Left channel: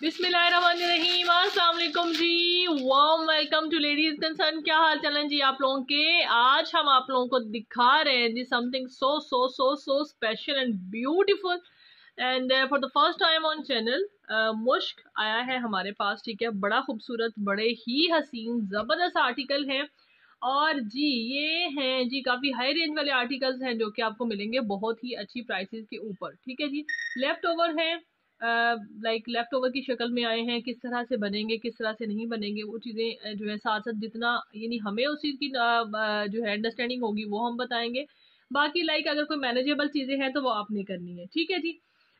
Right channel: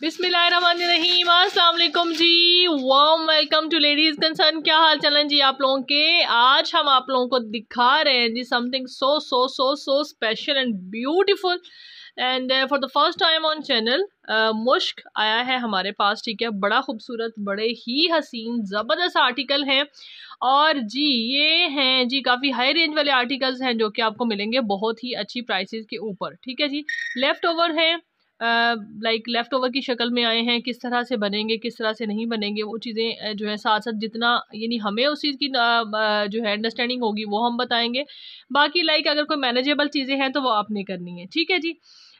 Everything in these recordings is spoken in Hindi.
बिस्मिल्लाहिर्रहमानिर्रहीम, अस्सलाम वालेकुम जी। Warm welcome to Ladies Concern. क्या हाल चाल है जी आप लोगों के। आज हम आप लोगों को दिखा रहे हैं जी something so so so so special and beautiful and for the first time on channel मुश्क आया है हमारे पास। ठीक है, बड़ा खूबसूरत, बड़े ही हसीन ज़बरदस्त आर्टिकल हैं। और जी ये हैं जी काफ़ी हाई रेंज वाले आर्टिकल्स हैं जो कि आपको मिलेंगे बहुत ही अच्छी प्राइसेस के ऊपर। ठीक है जी, लेफ़्ट ओवर है, लाइक लेफ़्ट ओवर की शक्ल में आए हैं। किस तरह से बनेंगे, किस तरह से नहीं बनेंगे, वो चीज़ें जो है साथ साथ जितना यानी हमें उस चीज़ की जो है अंडरस्टैंडिंग होगी वो हम बताएंगे। बाकी लाइक अगर कोई मैनेजेबल चीज़ें हैं तो वो आपने करनी है। ठीक है जी,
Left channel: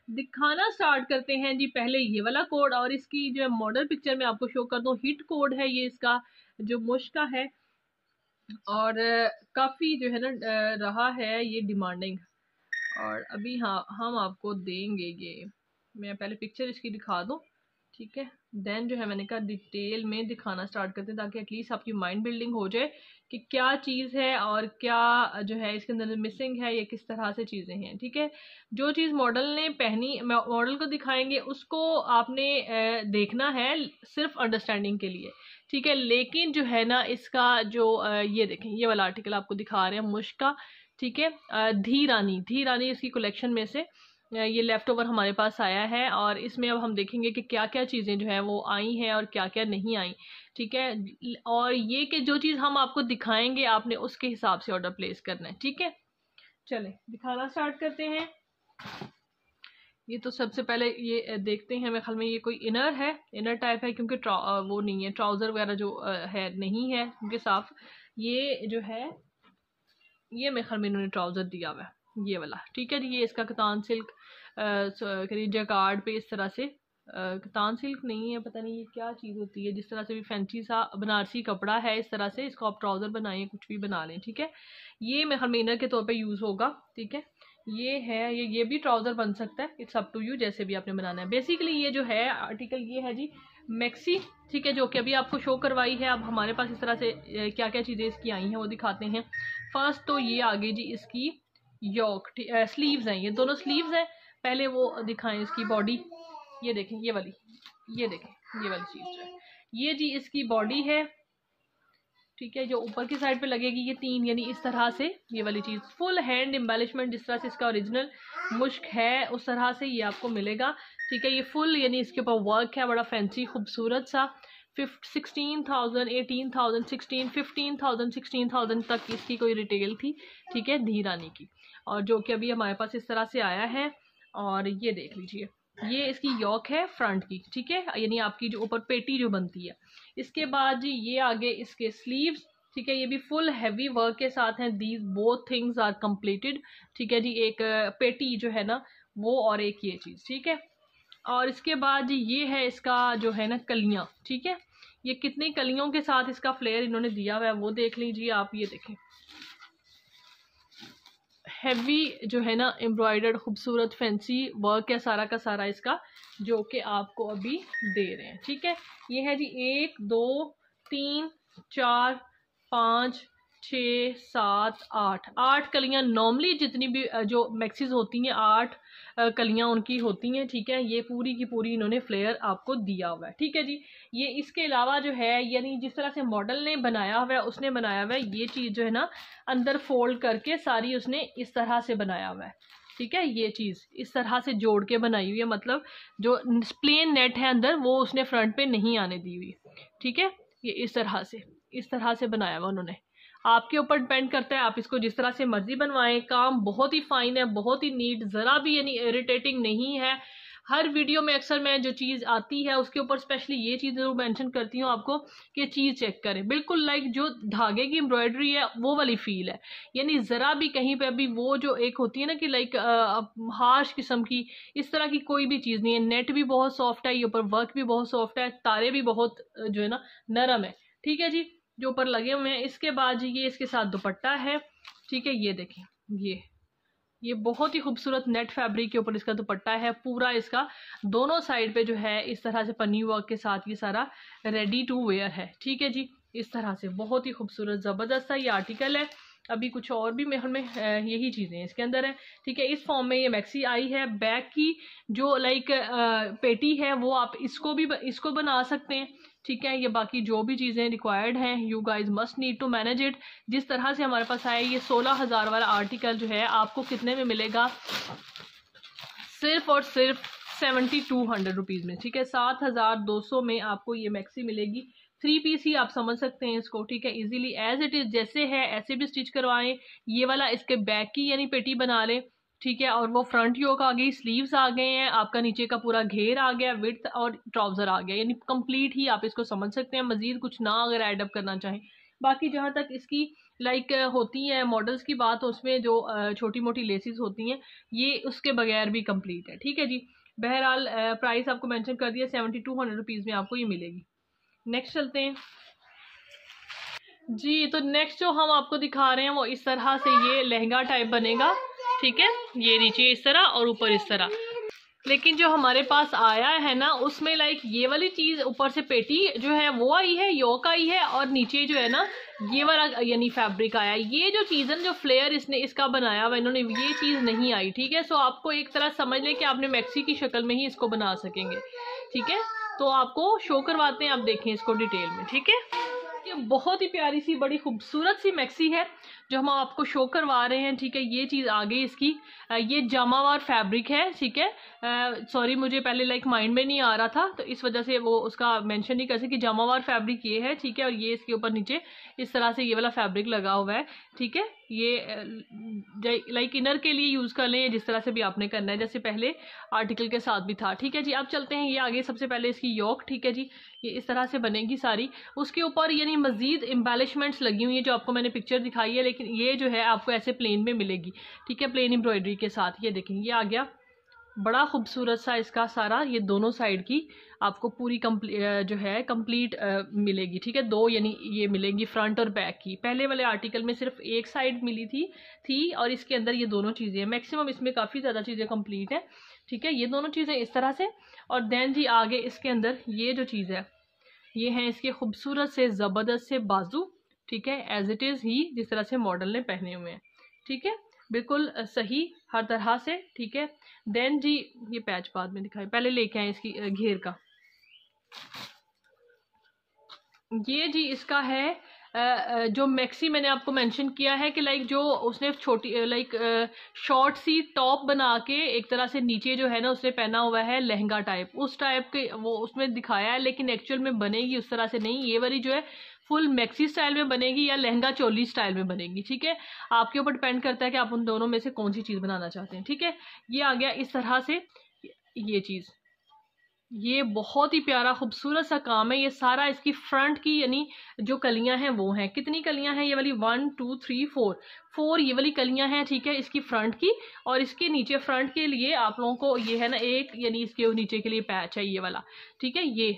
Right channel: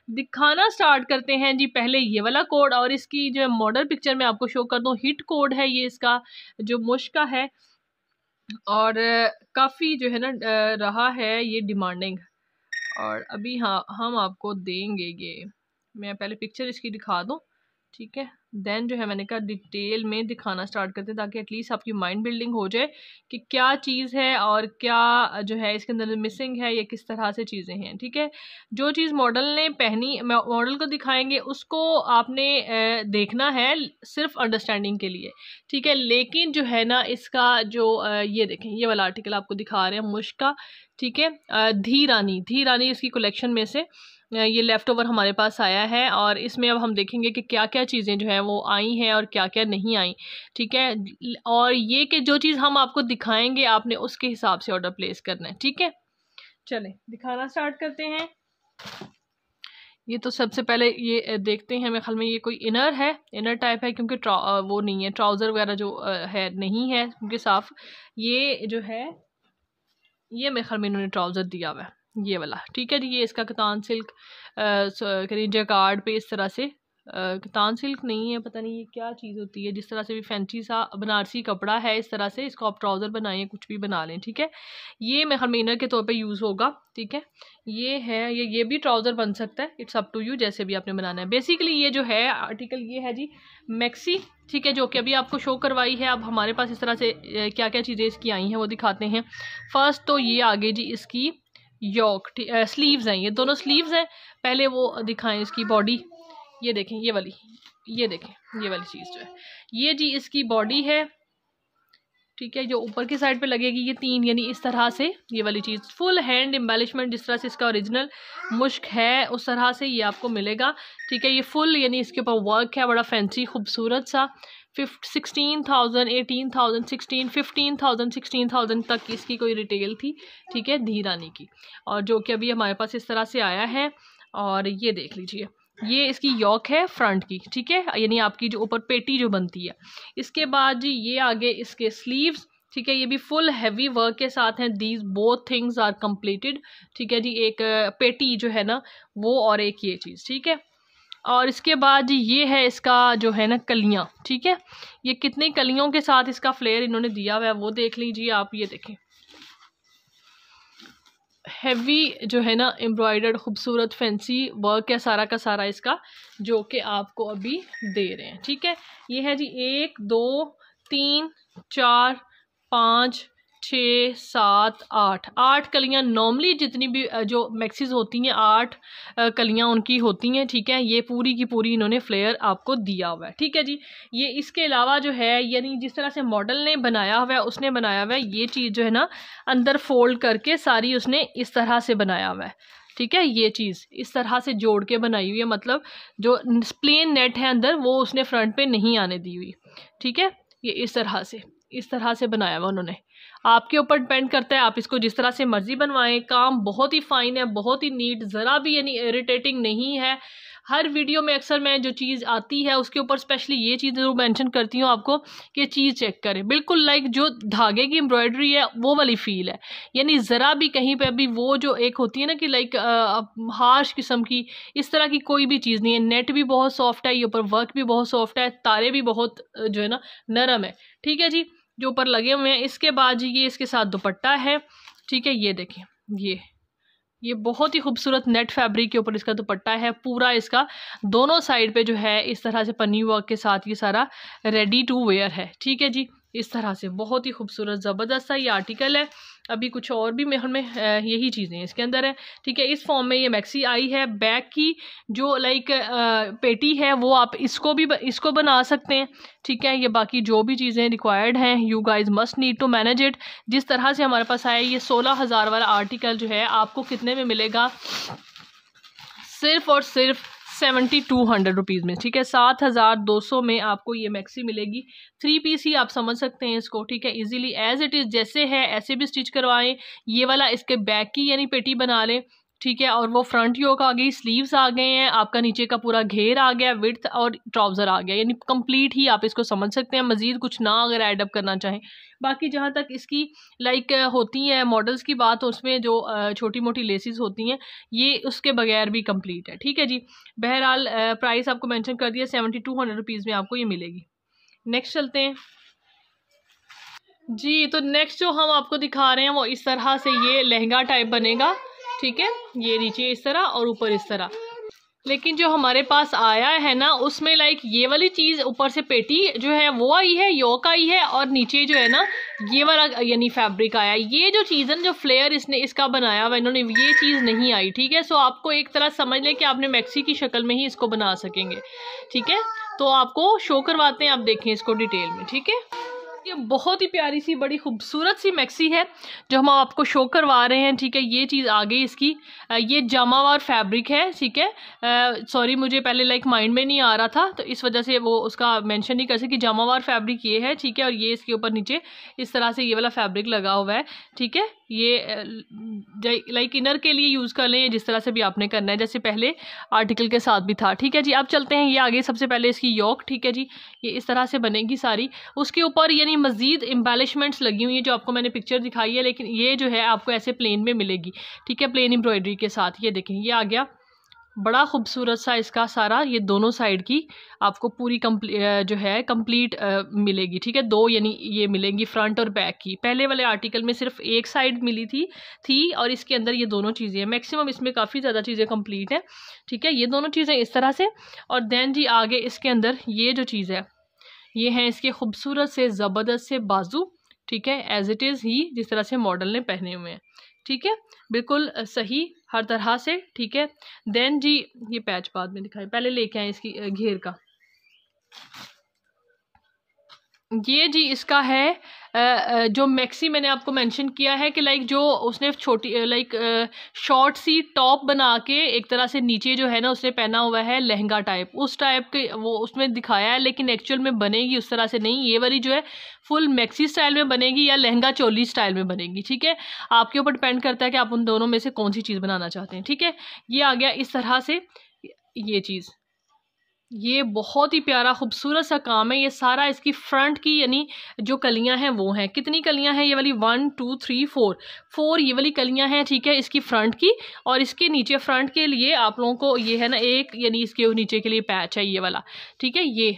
दिखाना स्टार्ट करते हैं जी। पहले ये वाला कोड और इसकी जो मॉडल पिक्चर मैं आपको शो कर दूँ। हिट कोड है ये इसका जो मुश्क का है और काफ़ी जो है ना रहा है ये डिमांडिंग। और अभी हाँ हम आपको देंगे ये, मैं पहले पिक्चर इसकी दिखा दूँ। ठीक है, देन जो है मैंने कहा डिटेल में दिखाना स्टार्ट करते हैं ताकि एटलीस्ट आपकी माइंड बिल्डिंग हो जाए कि क्या चीज़ है और क्या जो है इसके अंदर मिसिंग है, ये किस तरह से चीज़ें हैं। ठीक है, जो चीज़ मॉडल ने पहनी मॉडल को दिखाएंगे उसको आपने देखना है सिर्फ अंडरस्टैंडिंग के लिए। ठीक है, लेकिन जो है ना इसका जो ये देखें, ये वाला आर्टिकल आपको दिखा रहे हैं मुश्क का। ठीक है, धी रानी इसकी कलेक्शन में से ये लेफ़्ट ओवर हमारे पास आया है और इसमें अब हम देखेंगे कि क्या क्या चीज़ें जो हैं वो आई हैं और क्या क्या नहीं आई। ठीक है, और ये कि जो चीज़ हम आपको दिखाएंगे आपने उसके हिसाब से ऑर्डर प्लेस करना है। ठीक है, चलें दिखाना स्टार्ट करते हैं। ये तो सबसे पहले ये देखते हैं, मेरे ख्याल में ये कोई इनर है, इनर टाइप है क्योंकि वो नहीं है, ट्राउज़र वगैरह जो है नहीं है क्योंकि साफ ये जो है ये मेरे ख्याल में इन्होंने ट्राउज़र दिया हुआ है ये वाला। ठीक है जी, ये इसका कतान सिल्क करीब जैकार्ड पे इस तरह से कतान सिल्क नहीं है, पता नहीं ये क्या चीज़ होती है, जिस तरह से भी फैंसी सा बनारसी कपड़ा है इस तरह से इसको आप ट्राउज़र बनाएं, कुछ भी बना लें। ठीक है, ये मेरे ख्याल में इनर के तौर पे यूज़ होगा। ठीक है, ये है, ये भी ट्राउज़र बन सकता है, इट्स अप टू यू जैसे भी आपने बनाना है। बेसिकली ये जो है आर्टिकल ये है जी मैक्सी। ठीक है, जो कि अभी आपको शो करवाई है। अब हमारे पास इस तरह से क्या क्या चीज़ें इसकी आई हैं वो दिखाते हैं। फर्स्ट तो ये आगे जी इसकी योक स्लीव्स हैं, ये दोनों स्लीव्स हैं। पहले वो दिखाएं इसकी बॉडी, ये देखें ये वाली, ये देखें ये वाली चीज़ जो है ये जी इसकी बॉडी है। ठीक है, जो ऊपर की साइड पे लगेगी ये तीन, यानी इस तरह से ये वाली चीज़ फुल हैंड एम्बेलिशमेंट जिस तरह से इसका ओरिजिनल मुश्क है उस तरह से ये आपको मिलेगा। ठीक है, ये फुल यानी इसके ऊपर वर्क है, बड़ा फैंसी खूबसूरत सा। 16,000 18,000 16 15,000 16,000 तक इसकी कोई रिटेल थी। ठीक है, धी रानी की, और जो कि अभी हमारे पास इस तरह से आया है। और ये देख लीजिए, ये इसकी यॉक है फ्रंट की। ठीक है, यानी आपकी जो ऊपर पेटी जो बनती है। इसके बाद जी ये आगे इसके स्लीव्स। ठीक है, ये भी फुल हैवी वर्क के साथ हैं। These both things are completed. ठीक है जी, एक पेटी जो है ना वो और एक ये चीज़। ठीक है, और इसके बाद ये है इसका जो है ना कलियाँ। ठीक है, ये कितनी कलियों के साथ इसका फ्लेयर इन्होंने दिया हुआ है वो देख लीजिए आप। ये देखें हैवी जो है ना एम्ब्रॉयडर्ड खूबसूरत फैंसी वर्क है सारा का सारा इसका, जो कि आपको अभी दे रहे हैं। ठीक है, ये है जी 1 2 3 4 5 6 7 8 कलियाँ। नॉर्मली जितनी भी जो मैक्सीज होती हैं 8 कलियाँ उनकी होती हैं। ठीक है, ये पूरी की पूरी इन्होंने फ्लेयर आपको दिया हुआ है। ठीक है जी, ये इसके अलावा जो है यानी जिस तरह से मॉडल ने बनाया हुआ है उसने बनाया हुआ है ये चीज़ जो है ना अंदर फोल्ड करके सारी उसने इस तरह से बनाया हुआ है। ठीक है, ये चीज़ इस तरह से जोड़ के बनाई हुई है, मतलब जो प्लेन नेट है अंदर वो उसने फ्रंट पे नहीं आने दी हुई। ठीक है, ये इस तरह से बनाया हुआ उन्होंने। आपके ऊपर डिपेंड करता है, आप इसको जिस तरह से मर्जी बनवाएं। काम बहुत ही फाइन है, बहुत ही नीट, ज़रा भी यानी इरिटेटिंग नहीं है। हर वीडियो में अक्सर मैं जो चीज़ आती है उसके ऊपर स्पेशली ये चीज़ ज़रूर मेंशन करती हूँ आपको कि चीज़ चेक करें। बिल्कुल लाइक जो धागे की एम्ब्रॉयडरी है वो वाली फील है, यानी ज़रा भी कहीं पे भी वो जो एक होती है ना कि लाइक हार्श किस्म की इस तरह की कोई भी चीज़ नहीं है। नेट भी बहुत सॉफ्ट है, ये ऊपर वर्क भी बहुत सॉफ्ट है, तारे भी बहुत जो है ना नरम है। ठीक है जी, जो ऊपर लगे हुए हैं। इसके बाद जी ये इसके साथ दुपट्टा है। ठीक है, ये देखें ये बहुत ही खूबसूरत नेट फैब्रिक के ऊपर इसका दुपट्टा है पूरा। इसका दोनों साइड पे जो है इस तरह से पन्नी वर्क के साथ ये सारा रेडी टू वेयर है। ठीक है जी, इस तरह से बहुत ही खूबसूरत ज़बरदस्त सा ये आर्टिकल है। अभी कुछ और भी में यही चीज़ें इसके अंदर है, ठीक है। इस फॉर्म में ये मैक्सी आई है। बैक की जो लाइक पेटी है वो आप इसको बना सकते हैं, ठीक है। ये बाकी जो भी चीज़ें रिक्वायर्ड हैं, you guys must need to manage it. जिस तरह से हमारे पास आया ये 16,000 वाला आर्टिकल जो है आपको कितने में मिलेगा, सिर्फ और सिर्फ 7200 रुपीज़ में, ठीक है। 7,200 में आपको ये मैक्सी मिलेगी। 3 पीस ही आप समझ सकते हैं इसको, ठीक है। इजीली एज इट इज़ जैसे है ऐसे भी स्टिच करवाएं। ये वाला इसके बैक की यानी पेटी बना लें, ठीक है। और वो फ्रंट योक आ गई, स्लीव्स आ गए हैं, आपका नीचे का पूरा घेर आ गया, विड्थ और ट्राउज़र आ गया, यानी कंप्लीट ही आप इसको समझ सकते हैं। मज़ीद कुछ ना अगर ऐड अप करना चाहें। बाकी जहाँ तक इसकी लाइक होती है मॉडल्स की बात, उसमें जो छोटी मोटी लेसिस होती हैं ये उसके बगैर भी कंप्लीट है, ठीक है जी। बहरहाल प्राइस आपको मेंशन कर दिया, 7200 रुपीज़ में आपको ये मिलेगी। नेक्स्ट चलते हैं जी। तो नेक्स्ट जो हम आपको दिखा रहे हैं वो इस तरह से ये लहंगा टाइप बनेगा, ठीक है। ये नीचे इस तरह और ऊपर इस तरह। लेकिन जो हमारे पास आया है ना उसमें लाइक ये वाली चीज़ ऊपर से पेटी जो है वो आई है, योक आई है, और नीचे जो है ना ये वाला यानी फैब्रिक आया। ये जो चीज़ है जो फ्लेयर इसने इसका बनाया हुआ इन्होंने, ये चीज़ नहीं आई, ठीक है। सो आपको एक तरह समझ लें कि आपने मैक्सी की शक्ल में ही इसको बना सकेंगे, ठीक है। तो आपको शो करवाते हैं, आप देखें इसको डिटेल में, ठीक है। ये बहुत ही प्यारी सी बड़ी खूबसूरत सी मैक्सी है जो हम आपको शो करवा रहे हैं, ठीक है। ये चीज़ आ गई इसकी, ये जामावार फैब्रिक है, ठीक है। सॉरी मुझे पहले लाइक माइंड में नहीं आ रहा था तो इस वजह से वो उसका मेंशन नहीं कर सकी। जामावार फैब्रिक ये है, ठीक है। और ये इसके ऊपर नीचे इस तरह से ये वाला फैब्रिक लगा हुआ है, ठीक है। ये लाइक इनर के लिए यूज़ कर लें जिस तरह से भी आपने करना है, जैसे पहले आर्टिकल के साथ भी था, ठीक है जी। अब चलते हैं, ये आगे सबसे पहले इसकी योक, ठीक है जी। ये इस तरह से बनेगी सारी, उसके ऊपर यानी मज़ीद एम्बेलिशमेंट्स लगी हुई है जो आपको मैंने पिक्चर दिखाई है, लेकिन ये जो है आपको ऐसे प्लेन में मिलेगी, ठीक है, प्लेन एम्ब्रॉयडरी के साथ। ये देखें ये आ गया बड़ा खूबसूरत सा इसका सारा, ये दोनों साइड की आपको पूरी जो है कंप्लीट मिलेगी, ठीक है। दो यानी ये मिलेंगी फ्रंट और बैक की। पहले वाले आर्टिकल में सिर्फ एक साइड मिली थी और इसके अंदर ये दोनों चीज़ें हैं। मैक्सिमम इसमें काफ़ी ज़्यादा चीज़ें कंप्लीट हैं, ठीक है। ये दोनों चीज़ें इस तरह से, और देन जी आगे इसके अंदर ये जो चीज़ है ये हैं इसके खूबसूरत से ज़बरदस्त से बाजू, ठीक है। एज इट इज़ ही जिस तरह से मॉडल ने पहने हुए हैं, ठीक है, बिल्कुल सही हर तरह से, ठीक है। देन जी ये पैच बाद में दिखाए, पहले लेके आए इसकी घेर का। ये जी इसका है जो मैक्सी मैंने आपको मेंशन किया है कि लाइक जो उसने छोटी लाइक शॉर्ट सी टॉप बना के एक तरह से नीचे जो है ना उसने पहना हुआ है लहंगा टाइप, उस टाइप के वो उसमें दिखाया है, लेकिन एक्चुअल में बनेगी उस तरह से नहीं। ये वाली जो है फुल मैक्सी स्टाइल में बनेगी या लहंगा चोली स्टाइल में बनेगी, ठीक है। आपके ऊपर डिपेंड करता है कि आप उन दोनों में से कौन सी चीज़ बनाना चाहते हैं, ठीक है। ये आ गया इस तरह से ये चीज़, ये बहुत ही प्यारा खूबसूरत सा काम है। ये सारा इसकी फ्रंट की यानी जो कलियां हैं वो हैं, कितनी कलियां हैं ये वाली 1 2 3 4 ये वाली कलियां हैं, ठीक है, इसकी फ्रंट की। और इसके नीचे फ्रंट के लिए आप लोगों को ये है ना एक यानी इसके नीचे के लिए पैच है ये वाला, ठीक है। ये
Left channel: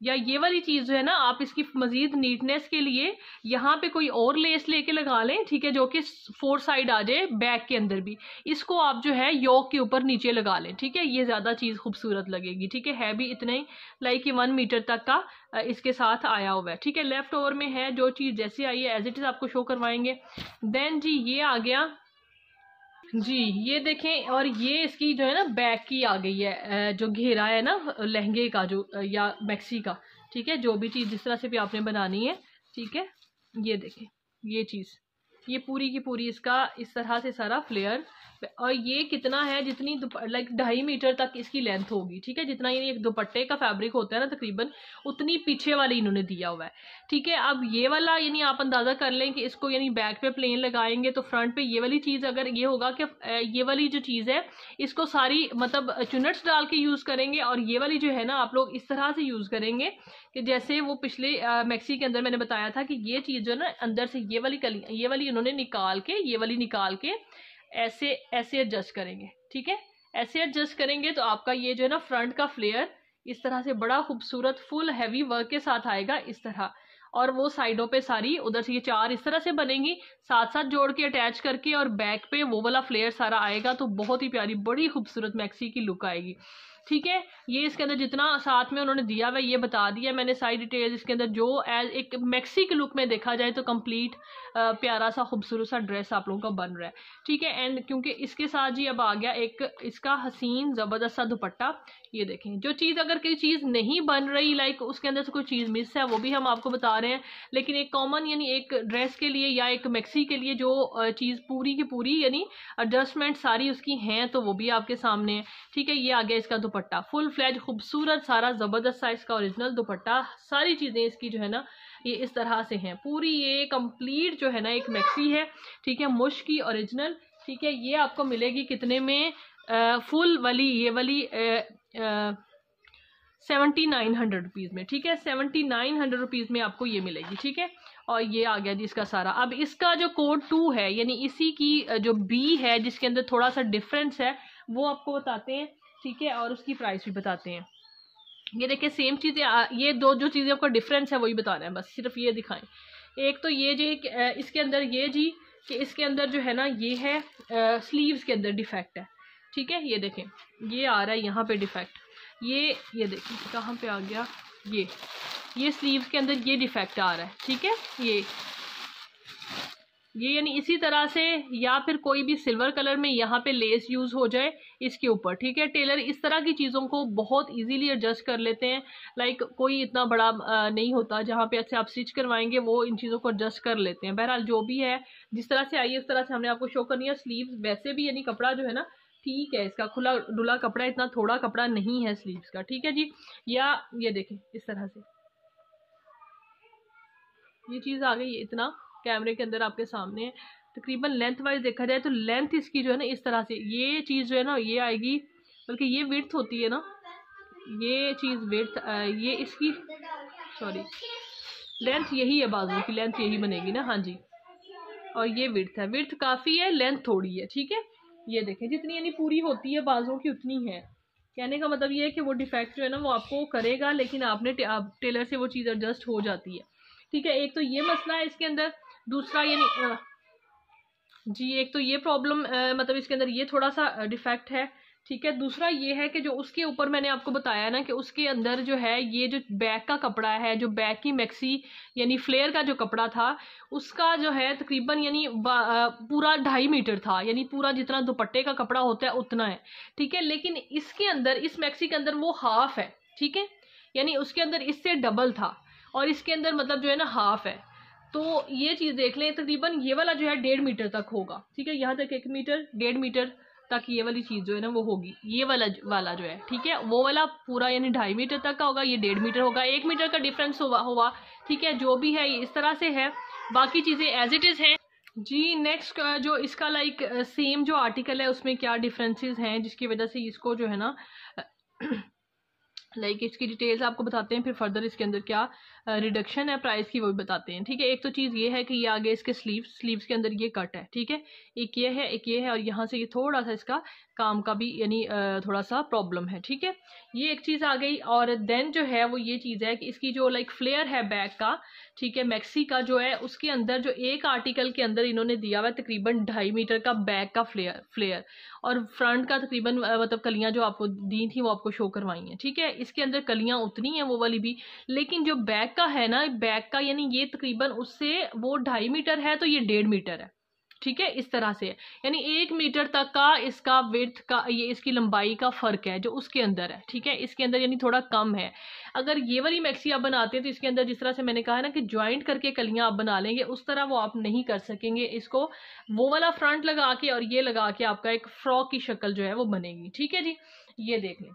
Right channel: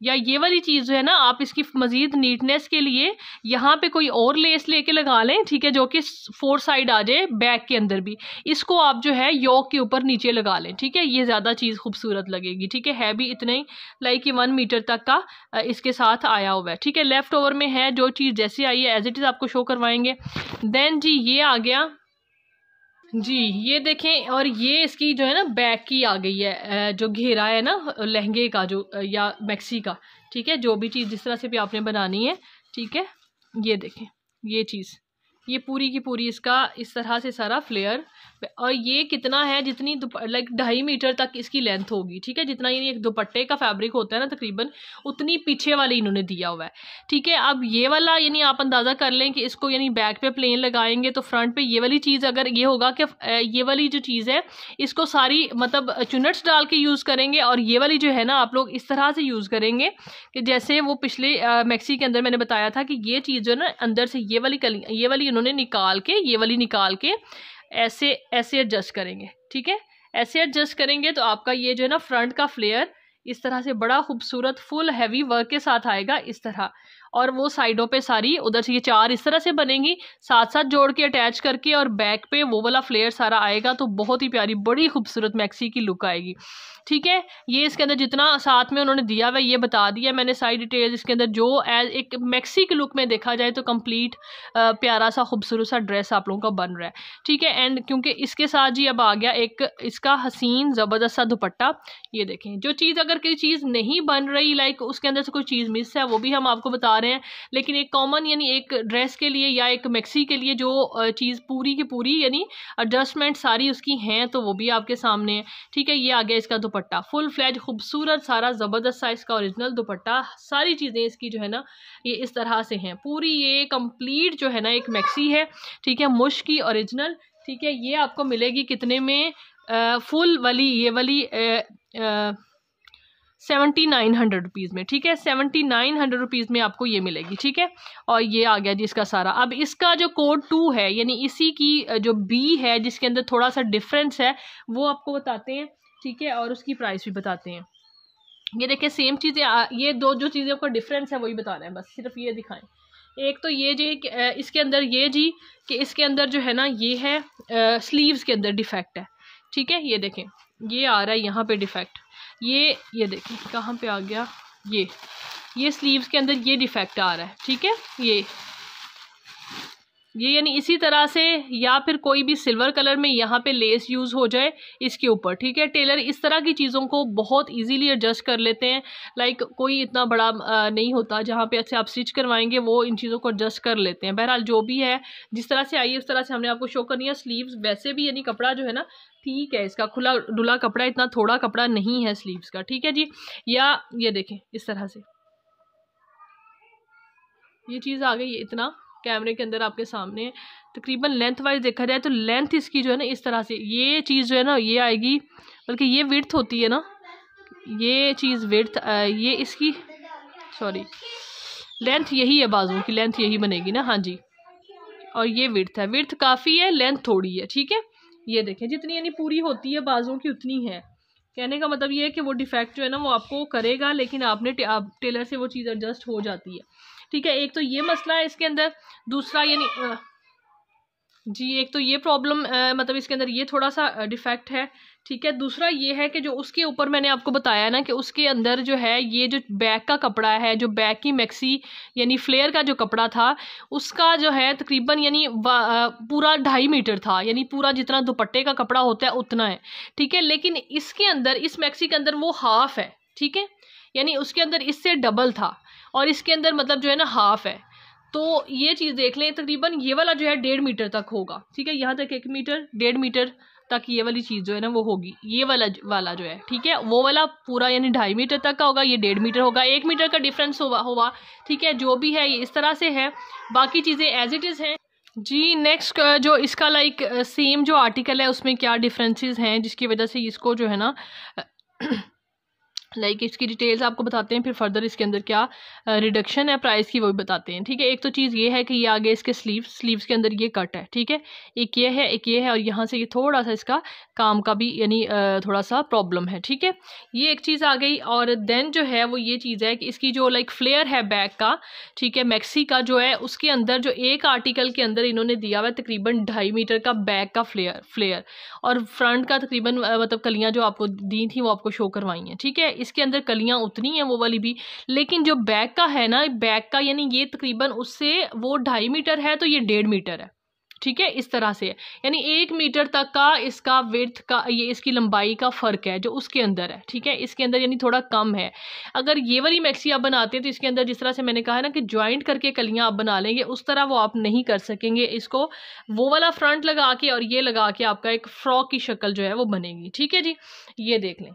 या ये वाली चीज़ जो है ना आप इसकी मज़ीद नीटनेस के लिए यहाँ पे कोई और लेस लेके लगा लें, ठीक है, जो कि 4 साइड आ जाए बैक के अंदर भी। इसको आप जो है योक के ऊपर नीचे लगा लें, ठीक है। ये ज़्यादा चीज़ खूबसूरत लगेगी, ठीक है भी इतना ही लाइक 1 मीटर तक का इसके साथ आया हुआ है, ठीक है। लेफ़्ट ओवर में है जो चीज़ जैसी आई है एज इट इज़ आपको शो करवाएंगे। देन जी ये आ गया जी, ये देखें, और ये इसकी जो है ना बैक की आ गई है जो घेरा है ना लहंगे का जो या मैक्सी का, ठीक है। जो भी चीज़ जिस तरह से भी आपने बनानी है, ठीक है। ये देखें ये चीज़, ये पूरी की पूरी इसका इस तरह से सारा फ्लेयर, और ये कितना है जितनी लाइक 2.5 मीटर तक इसकी लेंथ होगी, ठीक है। जितना ये एक दुपट्टे का फैब्रिक होता है ना तकरीबन उतनी पीछे वाली इन्होंने दिया हुआ है, ठीक है। अब ये वाला यानी आप अंदाज़ा कर लें कि इसको यानी बैक पे प्लेन लगाएंगे तो फ्रंट पे ये वाली चीज़ अगर ये होगा कि ये वाली जो चीज़ है इसको सारी मतलब चुनट्स डाल के यूज़ करेंगे, और ये वाली जो है ना आप लोग इस तरह से यूज़ करेंगे कि जैसे वो पिछले मैक्सी के अंदर मैंने बताया था कि ये चीज़ जो है ना अंदर से ये वाली उन्होंने निकाल के ये वाली निकाल के ऐसे ऐसे एडजस्ट करेंगे, ठीक है। ऐसे एडजस्ट करेंगे तो आपका ये जो है ना फ्रंट का फ्लेयर इस तरह से बड़ा खूबसूरत फुल हैवी वर्क के साथ आएगा इस तरह। और वो साइडों पे सारी उधर से ये 4 इस तरह से बनेंगी, साथ साथ जोड़ के अटैच करके, और बैक पे वो वाला फ्लेयर सारा आएगा। तो बहुत ही प्यारी बड़ी खूबसूरत मैक्सी की लुक आएगी। ठीक है, ये इसके अंदर जितना साथ में उन्होंने दिया हुआ ये बता दिया मैंने सारी डिटेल्स इसके अंदर। जो एज एक मैक्सी के लुक में देखा जाए तो कंप्लीट प्यारा सा खूबसूरत सा ड्रेस आप लोगों का बन रहा है। ठीक है, एंड क्योंकि इसके साथ जी अब आ गया एक इसका हसीन ज़बरदस्त सा दुपट्टा। ये देखें, जो चीज़ अगर कोई चीज़ नहीं बन रही, लाइक उसके अंदर से कोई चीज़ मिस है, वो भी हम आपको बता रहे हैं। लेकिन एक कॉमन यानी एक ड्रेस के लिए या एक मैक्सी के लिए जो चीज़ पूरी की पूरी यानी एडजस्टमेंट सारी उसकी हैं, तो वो भी आपके सामने है। ठीक है, ये आ गया इसका दुपट्टा, फुल फ्लैज खूबसूरत सारा ज़बरदस्त सा इसका ओरिजिनल दुपट्टा। सारी चीज़ें इसकी जो है ना ये इस तरह से हैं पूरी, ये कंप्लीट जो है ना एक मैक्सी है। ठीक है, मुश की ओरिजिनल। ठीक है, ये आपको मिलेगी कितने में? फुल वाली ये वाली 7900 रुपीज़ में। ठीक है, 7900 रुपीज़ में आपको ये मिलेगी। ठीक है, और ये आ गया जी इसका सारा। अब इसका जो कोड 2 है यानी इसी की जो बी है जिसके अंदर थोड़ा सा डिफरेंस है वो आपको बताते हैं। ठीक है, और उसकी प्राइस भी बताते हैं। ये देखिए सेम चीज़ें, ये दो जो चीज़ें आपका डिफरेंस है वही बता रहे हैं, बस सिर्फ ये दिखाएं। एक तो ये जी इसके अंदर ये जी कि इसके अंदर जो है ना ये है स्लीव्स के अंदर डिफेक्ट है। ठीक है, ये देखें ये आ रहा है यहाँ पे डिफेक्ट, ये देखें कहाँ पे आ गया, ये स्लीव्स के अंदर ये डिफेक्ट आ रहा है। ठीक है, ये यानी इसी तरह से, या फिर कोई भी सिल्वर कलर में यहाँ पे लेस यूज़ हो जाए इसके ऊपर। ठीक है, टेलर इस तरह की चीज़ों को बहुत इजीली एडजस्ट कर लेते हैं। लाइक कोई इतना बड़ा नहीं होता, जहाँ पे अच्छे आप स्टिच करवाएंगे वो इन चीज़ों को एडजस्ट कर लेते हैं। बहरहाल जो भी है जिस तरह से आई है उस तरह से हमने आपको शो करनी है। स्लीव्स वैसे भी यानी कपड़ा जो है ना ठीक है, इसका खुला डुला कपड़ा, इतना थोड़ा कपड़ा नहीं है स्लीव्स का। ठीक है जी, या ये देखें इस तरह से ये चीज़ आ गई, इतना कैमरे के अंदर आपके सामने। तकरीबन लेंथ वाइज देखा जाए तो लेंथ इसकी जो है ना इस तरह से ये चीज़ जो है ना ये आएगी, बल्कि ये विड्थ होती है ना, ये चीज़ विड्थ, ये इसकी सॉरी लेंथ यही है, बाजू की लेंथ यही बनेगी ना। हाँ जी, और ये विड्थ है, विड्थ काफ़ी है, लेंथ थोड़ी है। ठीक है, ये देखें जितनी यानी पूरी होती है बाजुओं की उतनी है। कहने का मतलब ये है कि वो डिफेक्ट जो है ना वो आपको करेगा, लेकिन आपने टेलर से वो चीज़ एडजस्ट हो जाती है। ठीक है, एक तो ये मसला है इसके अंदर। दूसरा यानी जी एक तो ये प्रॉब्लम मतलब इसके अंदर ये थोड़ा सा डिफेक्ट है। ठीक है, दूसरा ये है कि जो उसके ऊपर मैंने आपको बताया ना कि उसके अंदर जो है ये जो बैक का कपड़ा है, जो बैक की मैक्सी यानी फ्लेयर का जो कपड़ा था उसका जो है तकरीबन यानी पूरा 2.5 मीटर था, यानी पूरा जितना दुपट्टे का कपड़ा होता है उतना है। ठीक है, लेकिन इसके अंदर इस मैक्सी के अंदर वो हाफ है। ठीक है, यानी उसके अंदर इससे डबल था और इसके अंदर मतलब जो है ना हाफ है। तो ये चीज़ देख लें, तकरीबन ये वाला जो है 1.5 मीटर तक होगा। ठीक है, यहाँ तक 1 मीटर 1.5 मीटर तक ये वाली चीज़ जो है ना वो होगी, ये वाला जो है। ठीक है, वो वाला पूरा यानी 2.5 मीटर तक का होगा, ये 1.5 मीटर होगा, 1 मीटर का डिफरेंस हुआ। ठीक है, जो भी है ये इस तरह से है, बाकी चीज़ें एज इट इज़ हैं जी। नेक्स्ट जो इसका लाइक सेम जो आर्टिकल है उसमें क्या डिफरेंसेस हैं जिसकी वजह से इसको जो है ना लाइक इसकी डिटेल्स आपको बताते हैं, फिर फर्दर इसके अंदर क्या रिडक्शन है प्राइस की वो भी बताते हैं। ठीक है, एक तो चीज़ ये है कि ये आगे इसके स्लीव्स के अंदर ये कट है। ठीक है, एक ये है और यहाँ से ये थोड़ा सा इसका काम का भी यानी थोड़ा सा प्रॉब्लम है। ठीक है, ये एक चीज़ आ गई। और देन जो है वो ये चीज़ है कि इसकी जो लाइक फ्लेयर है बैक का, ठीक है, मैक्सी का जो है उसके अंदर जो एक आर्टिकल के अंदर इन्होंने दिया हुआ है तकरीबन 2.5 मीटर का बैक का फ्लेयर और फ्रंट का तकरीबन मतलब कलियाँ जो आपको दी थी वो आपको शो करवाई हैं। ठीक है, इसके अंदर कलियाँ उतनी हैं वो वाली भी, लेकिन जो बैक का है ना, बैक का यानी ये तकरीबन उससे वो 2.5 मीटर है तो ये 1.5 मीटर है। ठीक है, इस तरह से है, यानी 1 मीटर तक का इसका विड्थ का ये इसकी लंबाई का फ़र्क है जो उसके अंदर है। ठीक है, इसके अंदर यानी थोड़ा कम है। अगर ये वाली मैक्सी आप बनाते हैं तो इसके अंदर जिस तरह से मैंने कहा है ना कि ज्वाइंट करके कलियां आप बना लेंगे, उस तरह वो आप नहीं कर सकेंगे। इसको वो वाला फ्रंट लगा के और ये लगा के आपका एक फ्रॉक की शक्ल जो है वो बनेगी। ठीक है जी, ये देख लें।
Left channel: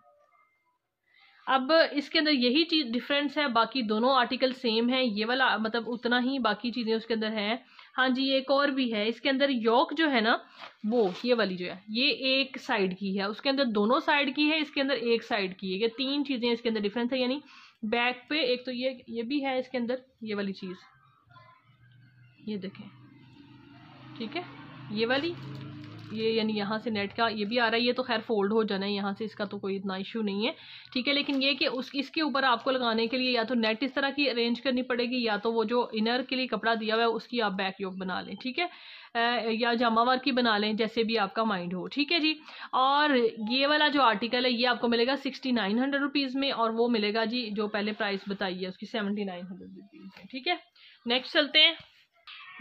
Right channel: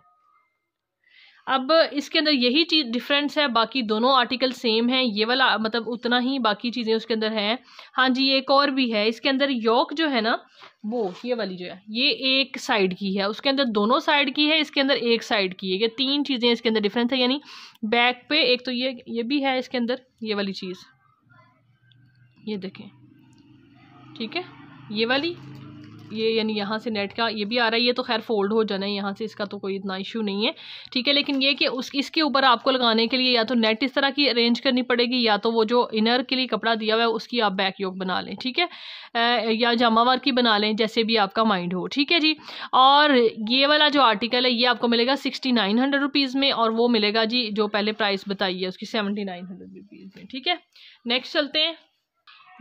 अब इसके अंदर यही चीज़ डिफरेंस है, बाकी दोनों आर्टिकल सेम है, ये वाला मतलब उतना ही, बाकी चीज़ें उसके अंदर है। हाँ जी, एक और भी है इसके अंदर, योक जो है ना वो ये वाली जो है ये एक साइड की है, उसके अंदर दोनों साइड की है, इसके अंदर एक साइड की है। ये 3 चीज़ें इसके अंदर डिफरेंस है, यानी बैक पे एक तो ये भी है इसके अंदर ये वाली चीज़, ये देखें। ठीक है, ये वाली ये यानी यहाँ से नेट का ये भी आ रहा है। ये तो खैर फोल्ड हो जाना है यहाँ से, इसका तो कोई इतना इशू नहीं है, ठीक है। लेकिन ये कि इसके ऊपर आपको लगाने के लिए या तो नेट इस तरह की अरेंज करनी पड़ेगी, या तो वो जो इनर के लिए कपड़ा दिया हुआ है उसकी आप बैक योक बना लें, ठीक है, या जामा वर्क की बना लें, जैसे भी आपका माइंड हो, ठीक है जी। और ये वाला जो आर्टिकल है ये आपको मिलेगा 6900 रुपीज़ में, और वो मिलेगा जी जो पहले प्राइस बताई है उसकी 7900 रुपीज़ में, ठीक है। नेक्स्ट चलते हैं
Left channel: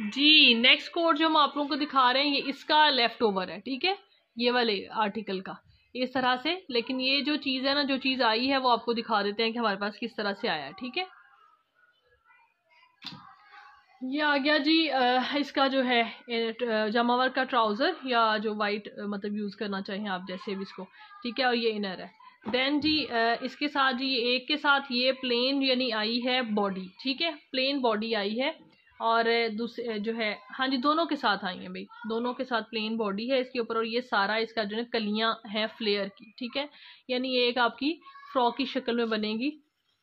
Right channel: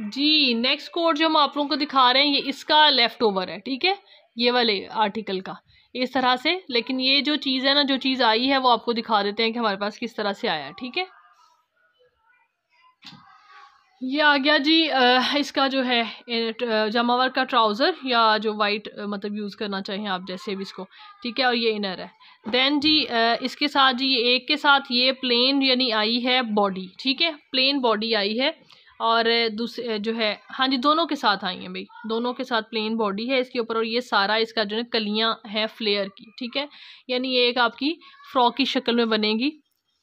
जी। नेक्स्ट कोड जो हम आप लोगों को दिखा रहे हैं ये इसका लेफ्ट ओवर है, ठीक है, ये वाले आर्टिकल का इस तरह से। लेकिन ये जो चीज़ है ना, जो चीज़ आई है वो आपको दिखा देते हैं कि हमारे पास किस तरह से आया, ठीक है। ये आ गया जी इसका जो है जामावर का ट्राउज़र, या जो वाइट मतलब यूज़ करना चाहें आप जैसे भी इसको, ठीक है। और ये इनर है। देन जी इसके साथ जी एक के साथ ये प्लेन यानी आई है बॉडी, ठीक है, प्लेन बॉडी आई है। और दूसरे जो है, हाँ जी, दोनों के साथ आई हैं भाई, दोनों के साथ प्लेन बॉडी है इसके ऊपर। और ये सारा इसका जो है कलियाँ हैं फ्लेयर की, ठीक है, यानी ये एक आपकी फ्रॉक की शक्ल में बनेगी,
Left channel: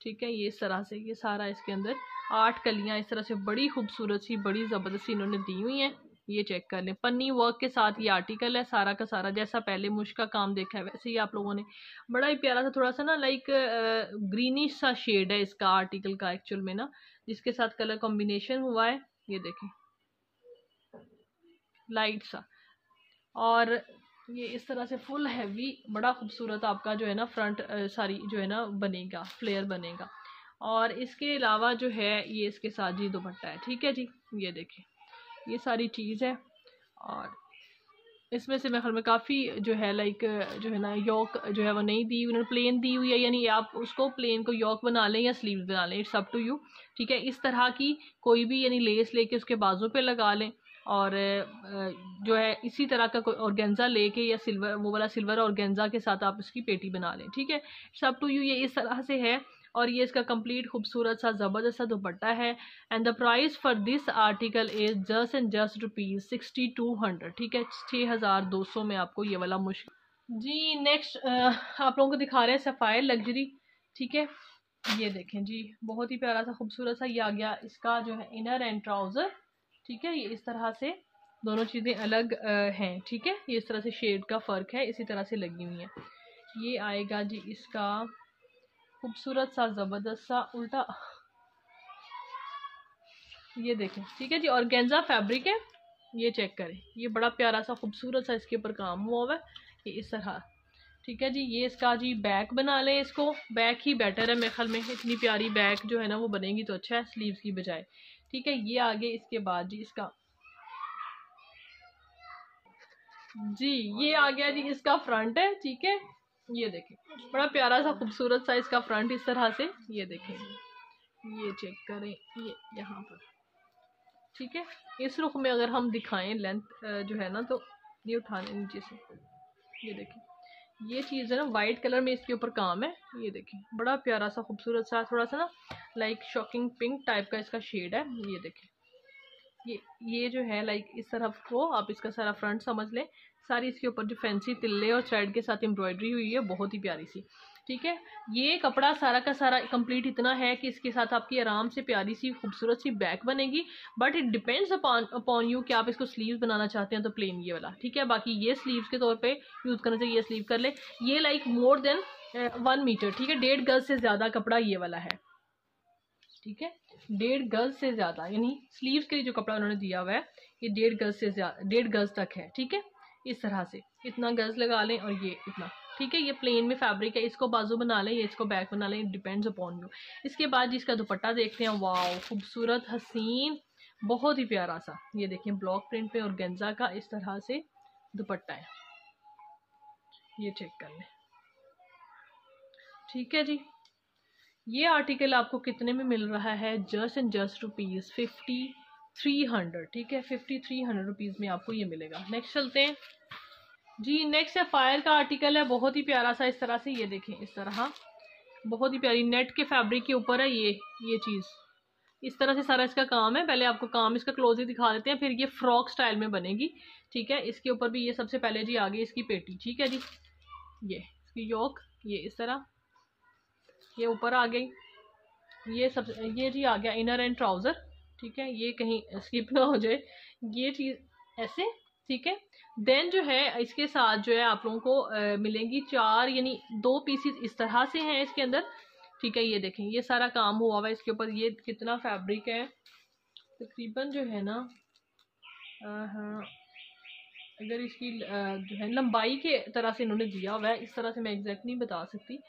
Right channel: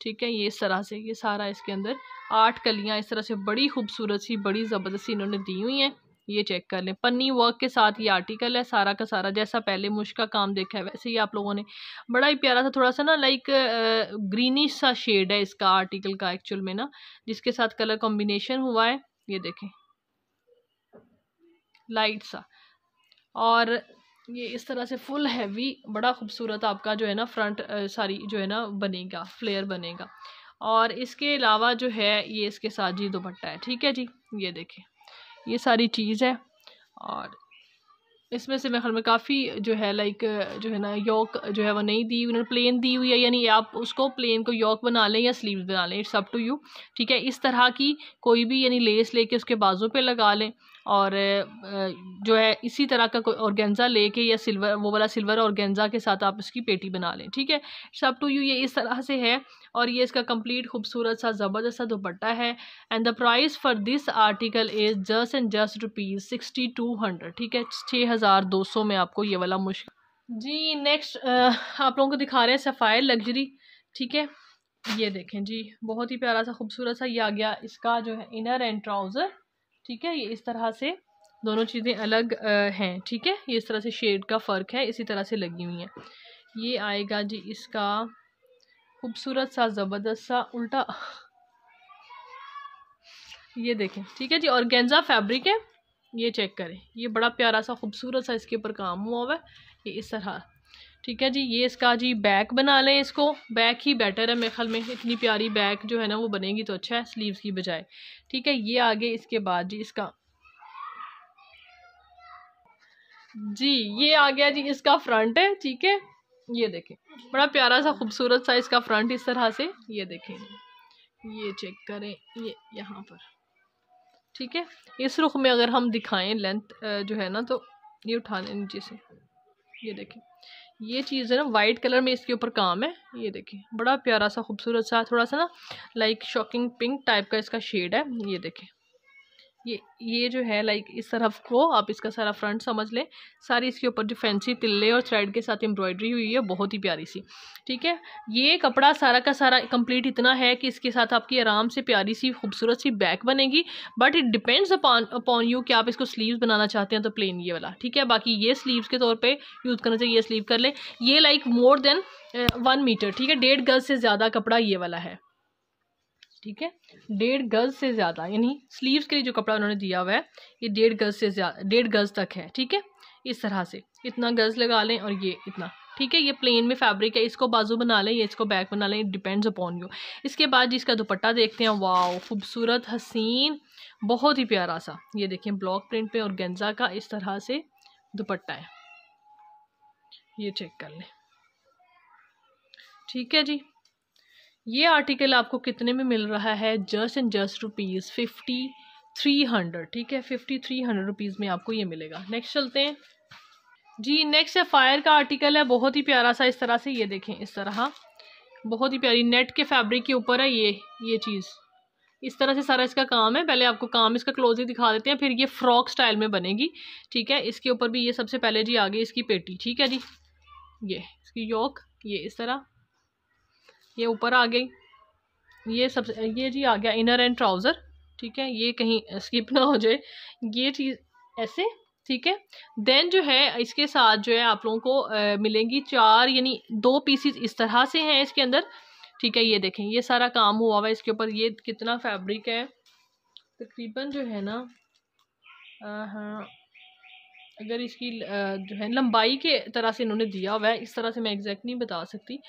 ठीक है। ये इस तरह से ये सारा इसके अंदर 8 कलियाँ इस तरह से बड़ी खूबसूरत सी बड़ी ज़बरदस्ती इन्होंने दी हुई हैं। ये चेक कर लें, पन्नी वर्क के साथ ये आर्टिकल है सारा का सारा, जैसा पहले मुश्क का काम देखा है वैसे ही आप लोगों ने। बड़ा ही प्यारा सा, थोड़ा सा ना लाइक ग्रीनिश सा शेड है इसका आर्टिकल का एक्चुअल में ना, जिसके साथ कलर कॉम्बिनेशन हुआ है, ये देखें, लाइट सा। और ये इस तरह से फुल हैवी बड़ा खूबसूरत आपका जो है ना फ्रंट सारी जो है ना बनेगा, फ्लेयर बनेगा। और इसके अलावा जो है ये इसके साथ जी दुपट्टा है, ठीक है जी। ये देखें, ये सारी चीज़ है। और इसमें से मेरे ख्याल में काफ़ी जो है लाइक जो है ना योक जो है वो नहीं दी, उन्होंने प्लेन दी हुई है, यानी आप उसको प्लेन को योक बना लें या स्लीव्स बना लें, इट्स अप टू यू, ठीक है। इस तरह की कोई भी यानी लेस लेके उसके बाजू पे लगा लें, और जो है इसी तरह का कोई ऑर्गेन्जा लेके या सिल्वर वो वाला सिल्वर ऑर्गेन्जा के साथ आप इसकी पेटी बना लें, ठीक है। इट्स अप टू यू, ये इस तरह से है। और ये इसका कंप्लीट खूबसूरत सा ज़बरदस्त सा दुपट्टा है। And the price for this article is just and just ₹6200, ठीक है, 6200 में आपको ये वाला मुश्किल जी। नेक्स्ट आप लोगों को दिखा रहे हैं सफ़ायर लग्जरी, ठीक है। ये देखें जी, बहुत ही प्यारा सा खूबसूरत सा ये आ गया इसका जो है इनर एंड ट्राउज़र, ठीक है। ये इस तरह से दोनों चीज़ें अलग हैं, ठीक है। ये इस तरह से शेड का फ़र्क है, इसी तरह से लगी हुई हैं। ये आएगा जी इसका खूबसूरत सा ज़बरदस्त सा उल्टा, ये देखें, ठीक है जी। ऑर्गेन्जा फैब्रिक है, ये चेक करें, ये बड़ा प्यारा सा खूबसूरत सा इसके ऊपर काम हुआ हुआ है, ये इस तरह, ठीक है जी। ये इसका जी बैक बना लें, इसको बैक ही बेटर है मेरे ख्याल में, इतनी प्यारी बैक जो है ना वो बनेगी तो अच्छा है स्लीव्स की बजाय, ठीक है। ये आगे इसके बाद जी इसका जी ये आ गया जी इसका फ्रंट है, ठीक है। ये देखें, बड़ा प्यारा सा खूबसूरत सा इसका फ्रंट इस तरह से, ये देखें, ये चेक करें, ये यहाँ पर, ठीक है। इस रुख में अगर हम दिखाएं लेंथ जो है ना, तो ये उठा लें नीचे से, ये देखें, ये चीज़ है ना वाइट कलर में इसके ऊपर काम है, ये देखें, बड़ा प्यारा सा खूबसूरत सा थोड़ा सा ना लाइक शॉकिंग पिंक टाइप का इसका शेड है, ये देखें। ये जो है लाइक इस तरफ को आप इसका सारा फ्रंट समझ लें, सारी इसके ऊपर जो फैंसी तिल्ले और थ्रेड के साथ एम्ब्रॉयडरी हुई है, बहुत ही प्यारी सी, ठीक है। ये कपड़ा सारा का सारा कंप्लीट इतना है कि इसके साथ आपकी आराम से प्यारी सी खूबसूरत सी बैक बनेगी, but it depends upon you कि आप इसको स्लीव्स बनाना चाहते हैं तो प्लेन ये वाला, ठीक है। बाकी ये स्लीव्स के तौर पर यूज़ करना चाहिए, ये स्लीव कर ले। ये लाइक मोर देन 1 मीटर, ठीक है, 1.5 गज से ज़्यादा कपड़ा ये वाला है, ठीक है, 1.5 गज से ज़्यादा, यानी स्लीव्स के लिए जो कपड़ा उन्होंने दिया हुआ है ये 1.5 गज से ज़्यादा, 1.5 गज तक है, ठीक है। इस तरह से इतना गज लगा लें, और ये इतना, ठीक है। ये प्लेन में फैब्रिक है, इसको बाजू बना लें, ये इसको बैक बना लें, इट डिपेंड्स अपॉन यू। इसके बाद जिसका दुपट्टा देखते हैं, वाह खूबसूरत हसीन बहुत ही प्यारा सा, ये देखें ब्लॉक प्रिंट पे और गेंजा का इस तरह से दुपट्टा है, ये चेक कर लें, ठीक है जी। ये आर्टिकल आपको कितने में मिल रहा है, जस्ट एंड जस्ट ₹5300, ठीक है, 5300 रुपीज़ में आपको ये मिलेगा। नेक्स्ट चलते हैं जी। नेक्स्ट है फायर का आर्टिकल है, बहुत ही प्यारा सा इस तरह से, ये देखें इस तरह बहुत ही प्यारी नेट के फैब्रिक के ऊपर है ये चीज़, इस तरह से सारा इसका काम है। पहले आपको काम इसका क्लोजली दिखा देते हैं, फिर ये फ्रॉक स्टाइल में बनेगी, ठीक है। इसके ऊपर भी ये सबसे पहले जी आगे इसकी पेटी, ठीक है जी, ये इसकी योक, ये इस तरह, ये ऊपर आ गई, ये सब, ये जी आ गया इनर एंड ट्राउज़र, ठीक है। ये कहीं स्किप ना हो जाए, ये चीज़ ऐसे, ठीक है। देन जो है इसके साथ जो है आप लोगों को मिलेंगी 4 यानी 2 पीसीज इस तरह से हैं इसके अंदर। ठीक है, ये देखें ये सारा काम हुआ हुआ है इसके ऊपर। ये कितना फैब्रिक है तकरीबन जो है ना, हाँ, अगर इसकी जो है लंबाई के तरह से इन्होंने दिया हुआ है, इस तरह से मैं एग्जैक्ट नहीं बता सकती।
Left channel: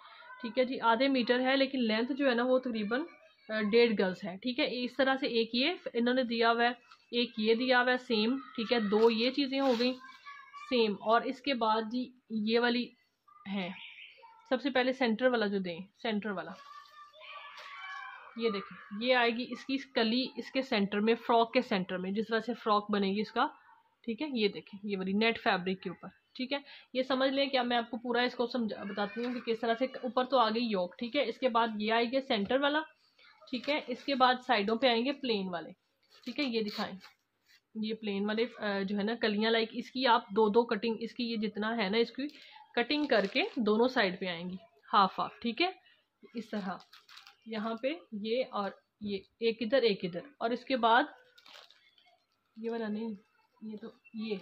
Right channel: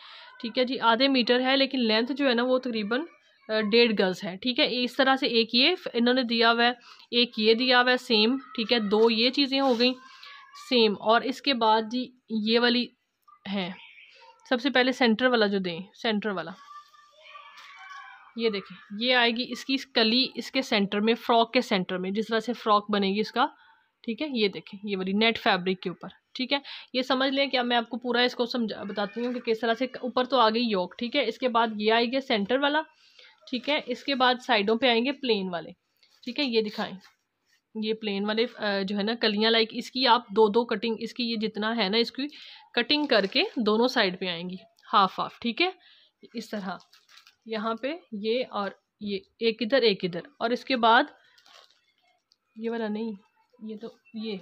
ठीक है जी, आधे मीटर है, लेकिन लेंथ जो है ना वो तकरीबन 1.5 गज है। ठीक है, इस तरह से एक ये इन्होंने दिया हुआ है, एक ये दिया हुआ है सेम। ठीक है, 2 ये चीज़ें हो गई सेम। और इसके बाद जी ये वाली है, सबसे पहले सेंटर वाला जो दें, सेंटर वाला ये देखें, ये आएगी इसकी कली इसके सेंटर में, फ्रॉक के सेंटर में, जिस तरह से फ्रॉक बनेगी इसका। ठीक है, ये देखें ये वाली नेट फैब्रिक के ऊपर। ठीक है, ये समझ लें कि अब मैं आपको पूरा इसको समझा बताती हूँ कि किस तरह से। ऊपर तो आ गई योक। ठीक है, इसके बाद ये आएगा सेंटर वाला। ठीक है, इसके बाद साइडों पे आएंगे प्लेन वाले। ठीक है, ये दिखाएं, ये प्लेन वाले जो है ना कलियां, लाइक इसकी आप 2-2 कटिंग, इसकी ये जितना है ना इसकी कटिंग करके दोनों साइड पे आएंगी हाफ हाफ। ठीक है, इस तरह यहाँ पे ये और ये एक इधर एक इधर। और इसके बाद ये वाला नहीं, ये तो ये,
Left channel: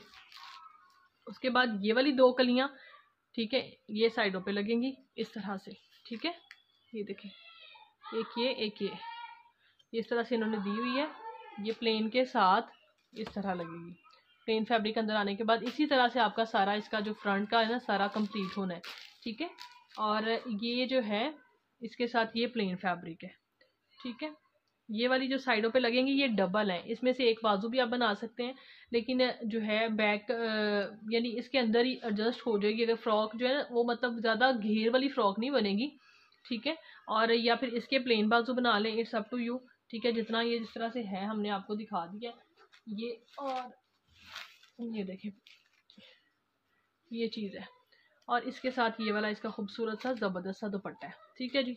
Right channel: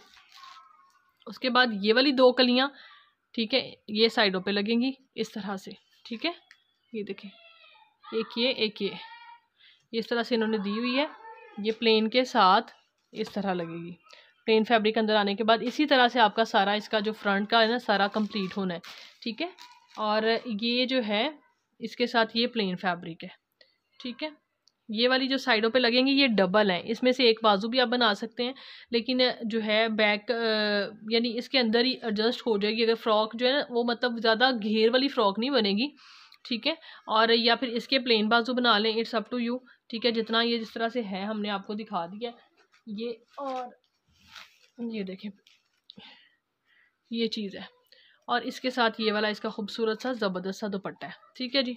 उसके बाद ये वाली 2 कलियां। ठीक है, ये साइडों पे लगेंगी इस तरह से। ठीक है, ये देखें, एक ये एक ये, इस तरह से इन्होंने दी हुई है। ये प्लेन के साथ इस तरह लगेगी। प्लेन फैब्रिक अंदर आने के बाद इसी तरह से आपका सारा इसका जो फ्रंट का है ना सारा कंप्लीट होना है। ठीक है, और ये जो है इसके साथ ये प्लेन फैब्रिक है। ठीक है, ये वाली जो साइडों पे लगेंगी ये डबल हैं, इसमें से एक बाजू भी आप बना सकते हैं, लेकिन जो है बैक यानी इसके अंदर ही एडजस्ट हो जाएगी। अगर फ्रॉक जो है ना वो मतलब ज़्यादा घेर वाली फ्रॉक नहीं बनेगी। ठीक है, और या फिर इसके प्लेन बाजू बना लें, इट्स अप टू यू। ठीक है, जितना ये जिस तरह से है हमने आपको दिखा दिया ये। और ये देखें ये चीज़ है, और इसके साथ ये वाला इसका खूबसूरत सा ज़बरदस्त सा दुपट्टा है। ठीक है जी,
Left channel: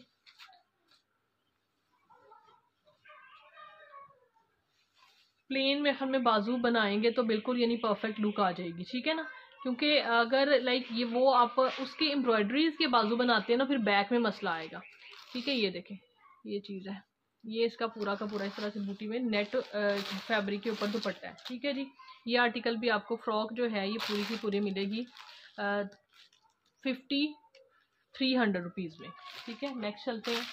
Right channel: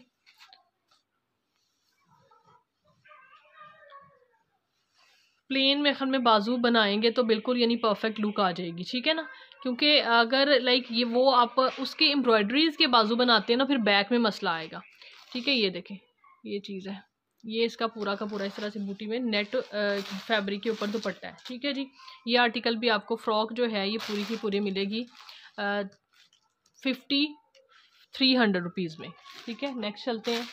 प्लेन में ख्याल में बाजू बनाएंगे तो बिल्कुल यानी परफेक्ट लुक आ जाएगी। ठीक है ना, क्योंकि अगर लाइक ये वो आप उसके एम्ब्रॉयडरीज के बाजू बनाते हैं ना फिर बैक में मसला आएगा। ठीक है, ये देखें ये चीज़ है, ये इसका पूरा का पूरा इस तरह से बूटी में नेट फैब्रिक के ऊपर दुपट्टा है। ठीक है जी, ये आर्टिकल भी आपको फ्रॉक जो है ये पूरी की पूरी मिलेगी 5300 रुपीज़ में। ठीक है, नेक्स्ट चलते हैं।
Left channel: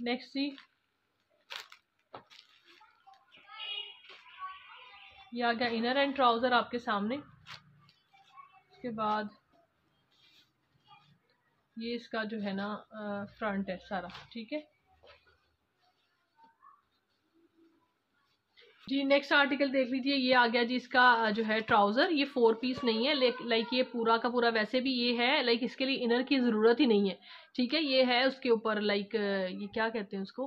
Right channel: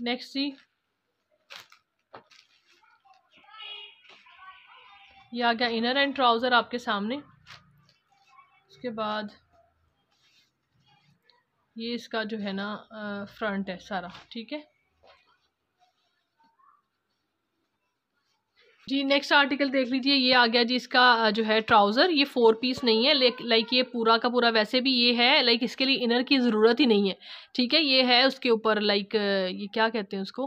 नेक्स्ट जी ये आ गया इनर एंड ट्राउज़र आपके सामने। उसके बाद ये इसका जो है ना फ्रंट है सारा। ठीक है जी, नेक्स्ट आर्टिकल देख लीजिए, ये आ गया जी इसका जो है ट्राउज़र। ये 4 पीस नहीं है, लाइक ये पूरा का पूरा वैसे भी ये है, लाइक इसके लिए इनर की ज़रूरत ही नहीं है। ठीक है, ये है उसके ऊपर लाइक ये क्या कहते हैं उसको,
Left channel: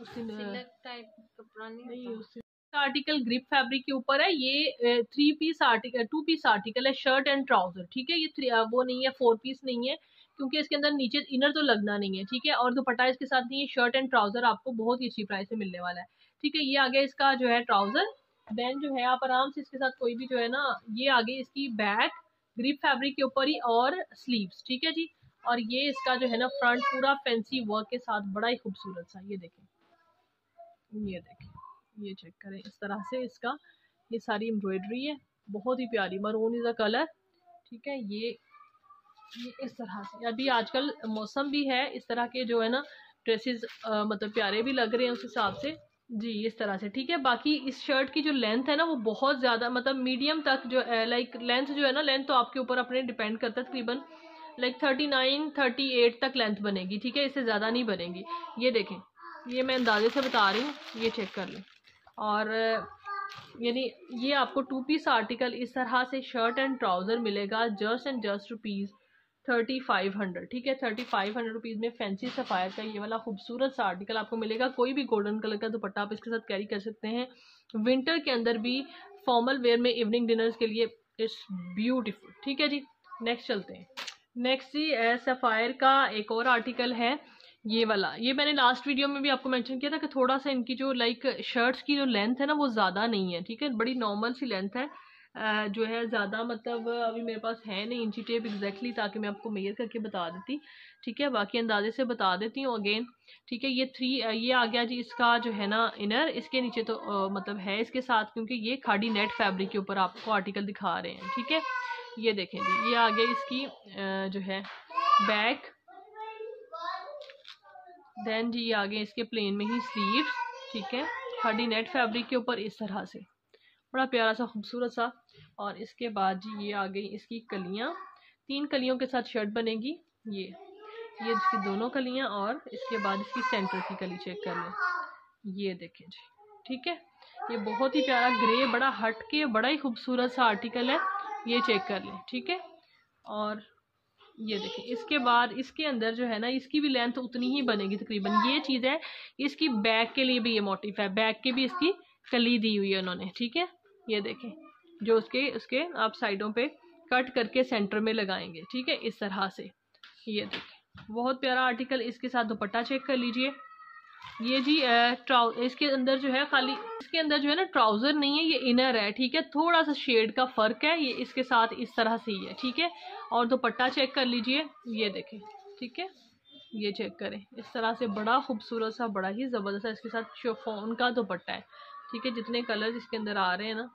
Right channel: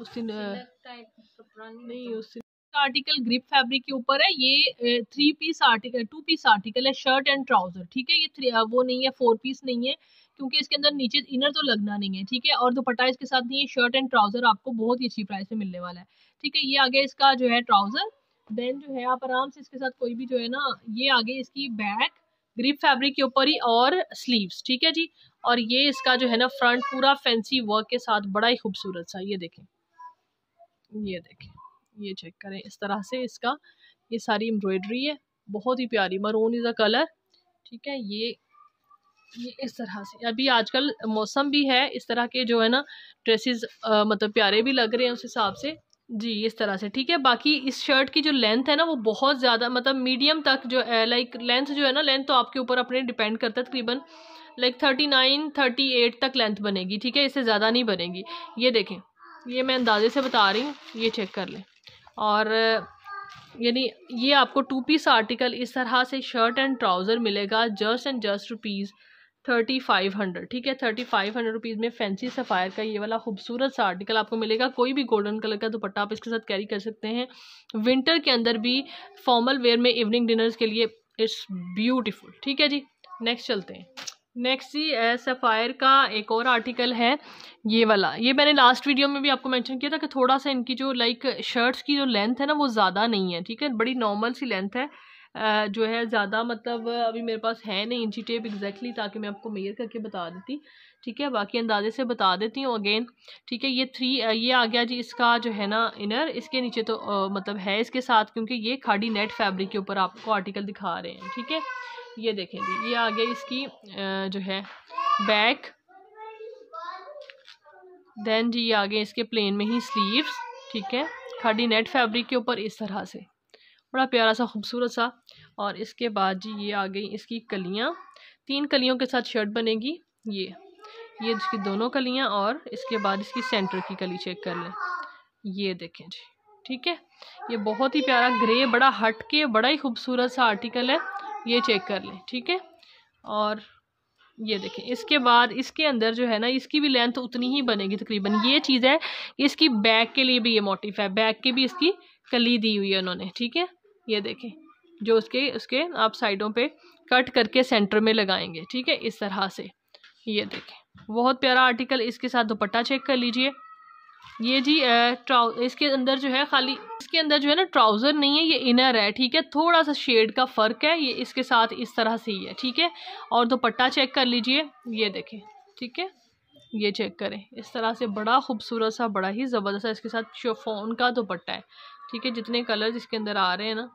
उस दिन नहीं, उस आर्टिकल ग्रिप फैब्रिक के ऊपर है। ये 3 पीस आर्टिकल 2 पीस आर्टिकल है, शर्ट एंड ट्राउज़र। ठीक है, ये वो नहीं है, 4 पीस नहीं है, क्योंकि इसके अंदर नीचे इनर तो लगना नहीं है। ठीक है, और दुपट्टा इसके साथ नहीं है। शर्ट एंड ट्राउज़र आपको बहुत ही अच्छी प्राइस में मिलने वाला है। ठीक है, ये आगे इसका जो है ट्राउज़र। देन जो है आप आराम से इसके साथ कोई भी जो है ना, ये आगे इसकी बैक ग्रिप फैब्रिक के ऊपर ही और स्लीव्स। ठीक है जी, और ये इसका जो है ना फ्रंट पूरा फैंसी वर्क के साथ बड़ा ही खूबसूरत सा। ये देखें, ये देखें, ये चेक करें, इस तरह से इसका ये सारी एम्ब्रॉयडरी है, बहुत ही प्यारी। Maroon is a colour. ठीक है, ये इस तरह से। अभी आजकल मौसम भी है, इस तरह के जो है ना ड्रेसेस मतलब प्यारे भी लग रहे हैं उस हिसाब से जी, इस तरह से। ठीक है, बाकी इस शर्ट की जो लेंथ है ना वो बहुत ज़्यादा मतलब मीडियम तक जो लाइक लेंथ जो है ना, लेंथ तो आपके ऊपर अपने डिपेंड करता है, तकरीबन लाइक 39-38 तक लेंथ बनेगी। ठीक है, इससे ज़्यादा नहीं बनेगी। ये देखें, ये मैं अंदाजे से बता रही हूँ, ये चेक कर लें। और यानी ये आपको 2 पीस आर्टिकल इस तरह से शर्ट एंड ट्राउज़र मिलेगा जस्ट एंड जस्ट रुपीज़ 3500। ठीक है, 3500 रुपीज़ में फैंसी सफ़ायर का ये वाला खूबसूरत सा आर्टिकल आपको मिलेगा। कोई भी गोल्डन कलर का दुपट्टा आप इसके साथ कैरी कर सकते हैं, विंटर के अंदर भी फॉर्मल वेयर में इवनिंग डिनर्स के लिए इट्स ब्यूटीफुल। ठीक है जी, नेक्स्ट चलते हैं। नेक्स्ट जी सफ़ायर का एक और आर्टिकल है ये वाला। ये मैंने लास्ट वीडियो में भी आपको मेंशन किया था कि थोड़ा सा इनकी जो लाइक शर्ट्स की जो लेंथ है ना वो ज़्यादा नहीं है। ठीक है, बड़ी नॉर्मल सी लेंथ है, जो है ज़्यादा मतलब अभी मेरे पास है नहीं इंची टेप एग्जैक्टली, ताकि मैं आपको मेजर करके बता देती। ठीक है, बाकी अंदाजे से बता देती हूँ अगेन। ठीक है, ये 3 ये आ गया जी इसका जो है ना इनर। इसके नीचे तो मतलब है इसके साथ, क्योंकि ये खाड़ी नेट फैब्रिक के ऊपर आपको आर्टिकल दिखा रहे हैं। ठीक है, ये देखें जी, ये आ गया इसकी जो है बैक। देन जी ये आ गए इसके प्लेन में ही स्लीव्स। ठीक है, खाड़ी नेट फैब्रिक के ऊपर इस तरह से बड़ा प्यारा सा खूबसूरत सा। और इसके बाद जी ये आ गई इसकी कलियाँ, 3 कलियों के साथ शर्ट बनेगी। ये इसकी दोनों कलियाँ, और इसके बाद इसकी सेंटर की कली चेक कर लें, ये देखें जी। ठीक है, ये बहुत ही प्यारा ग्रे, बड़ा हट के बड़ा ही खूबसूरत सा आर्टिकल है, ये चेक कर लें। ठीक है, और ये देखें इसके बाद इसके अंदर जो है ना इसकी भी लेंथ उतनी ही बनेगी तकरीबन। ये चीज़ है, इसकी बैक के लिए भी ये मोटिफ है, बैक के भी इसकी कली दी हुई है उन्होंने। ठीक है, ये देखें जो उसके आप साइडों पे कट करके सेंटर में लगाएंगे। ठीक है, इस तरह से ये देखें बहुत प्यारा आर्टिकल। इसके साथ दुपट्टा चेक कर लीजिए। ये जी इसके अंदर जो है खाली इसके अंदर जो है ना ट्राउज़र नहीं है, ये इनर है। ठीक है, थोड़ा सा शेड का फ़र्क है, ये इसके साथ इस तरह से ही है। ठीक है, और दुपट्टा चेक कर लीजिए, ये देखें। ठीक है, ये चेक करें इस तरह से बड़ा खूबसूरत सा, बड़ा ही ज़बरदस्त इसके साथ शिफॉन का दुपट्टा है। ठीक है, जितने कलर इसके अंदर आ रहे हैं ना,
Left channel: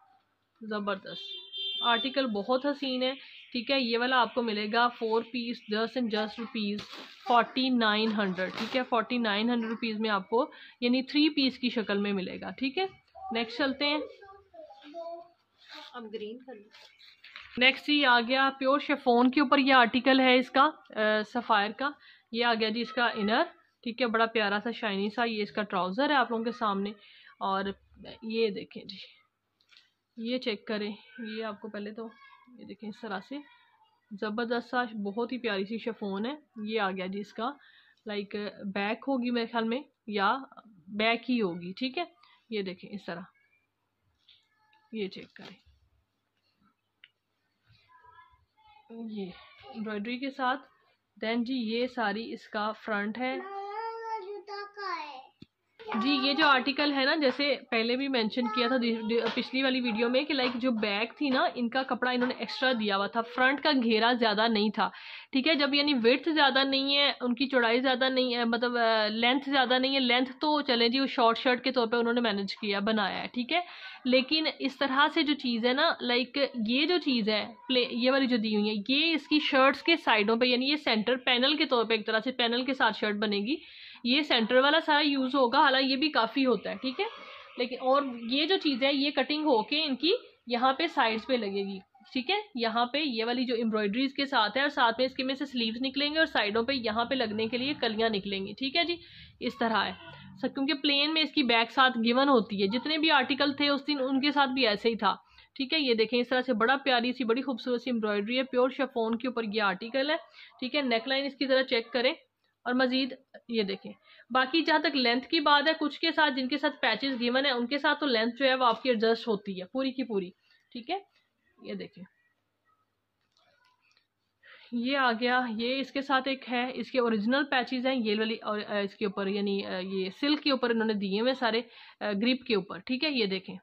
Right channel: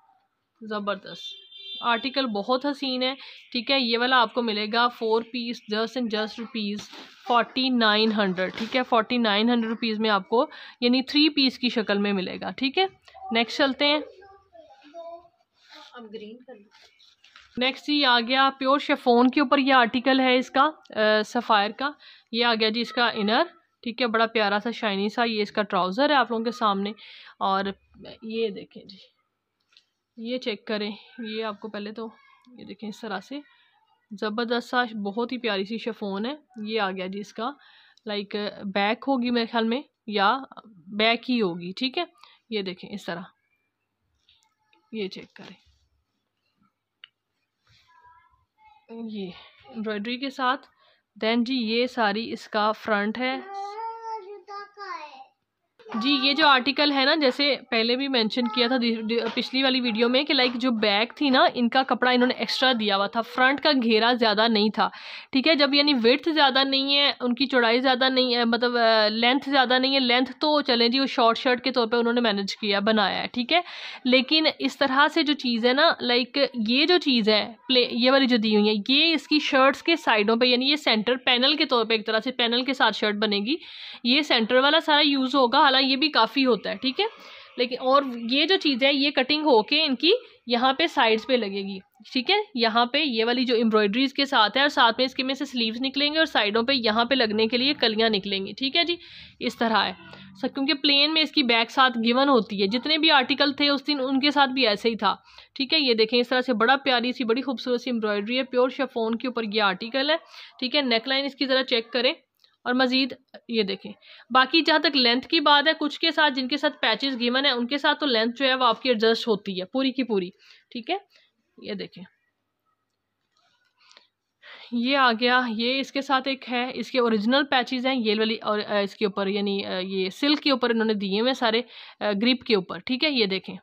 ज़बरदस्त आर्टिकल, बहुत हसीन है। ठीक है, ये वाला आपको मिलेगा 4 piece just and just rupees 4900। ठीक है, 4900 रुपीज़ में आपको यानी 3 पीस की शक्ल में मिलेगा। ठीक है, नेक्स्ट चलते हैं। अब ग्रीन कर लो। नेक्स्ट ये आ गया प्योर शिफॉन के ऊपर, ये आर्टिकल है इसका सफ़ायर का। ये आ गया जी इसका इनर। ठीक है, बड़ा प्यारा सा शाइनी सा ये इसका ट्राउज़र है आप लोगों के सामने। और ये देखें जी, ये चेक करें, ये आपको पहले तो ये देखें इस तरह से ज़बरदस्त सा बहुत ही प्यारी सी शिफॉन है। ये आ गया जी इसका लाइक बैक होगी मेरे ख्याल में, या बैक ही होगी। ठीक है, ये देखें इस तरह, ये चेक करें, ये एम्ब्रॉयडरी के साथ। देन जी ये सारी इसका फ्रंट है जी। ये जो आर्टिकल है ना, जैसे पहले भी मेंशन किया था पिछली वाली वीडियो में कि लाइक जो बैक थी ना, इनका कपड़ा इन्होंने एक्स्ट्रा दिया हुआ था, फ्रंट का घेरा ज़्यादा नहीं था। ठीक है, जब यानी विड्थ ज़्यादा नहीं है, उनकी चौड़ाई ज़्यादा नहीं है, मतलब लेंथ ज़्यादा नहीं है, लेंथ तो चले जी वो शॉर्ट शर्ट के तौर पे उन्होंने मैनेज किया, बनाया है। ठीक है, लेकिन इस तरह से जो चीज़ है ना, लाइक ये जो चीज़ है ये वाली जो दी हुई है, ये इसकी शर्ट्स के साइडों पर, यानी ये सेंटर पैनल के तौर पर, एक तरह से पैनल के साथ शर्ट बनेगी। ये सेंटर वाला सारा यूज़ होगा, हालांकि ये भी काफ़ी होता है। ठीक है, लेकिन और ये जो चीज़ है ये कटिंग होके इनकी यहाँ पे साइड्स पे लगेगी। ठीक है, यहाँ पे ये वाली जो एम्ब्रॉयडरीज के साथ है, और साथ में इसके में से स्लीव्स निकलेंगे, और साइडों पे यहाँ पे लगने के लिए कलियाँ निकलेंगी। ठीक है जी, इस तरह है सर, क्योंकि प्लेन में इसकी बैक साथ गिवन होती है। जितने भी आर्टिकल थे उस दिन उनके साथ भी ऐसे ही था। ठीक है, ये देखें इस तरह से बड़ा प्यारी सी बड़ी खूबसूरत सी एम्ब्रॉयडरी है, प्योर शिफॉन के ऊपर ये आर्टिकल है। ठीक है, नेकलाइन इसकी ज़रा चेक करें, और मज़ीद ये देखें। बाकी जहाँ तक लेंथ की बात है, कुछ के साथ जिनके साथ पैचेस गिवन है उनके साथ तो लेंथ जो है वो आपकी एडजस्ट होती है पूरी की पूरी। ठीक है, ये देखें, ये आ गया, ये इसके साथ एक है, इसके ओरिजिनल पैचेस हैं ये वाली, और इसके ऊपर यानी ये सिल्क के ऊपर इन्होंने दिए हुए सारे ग्रिप के ऊपर। ठीक है, ये देखें,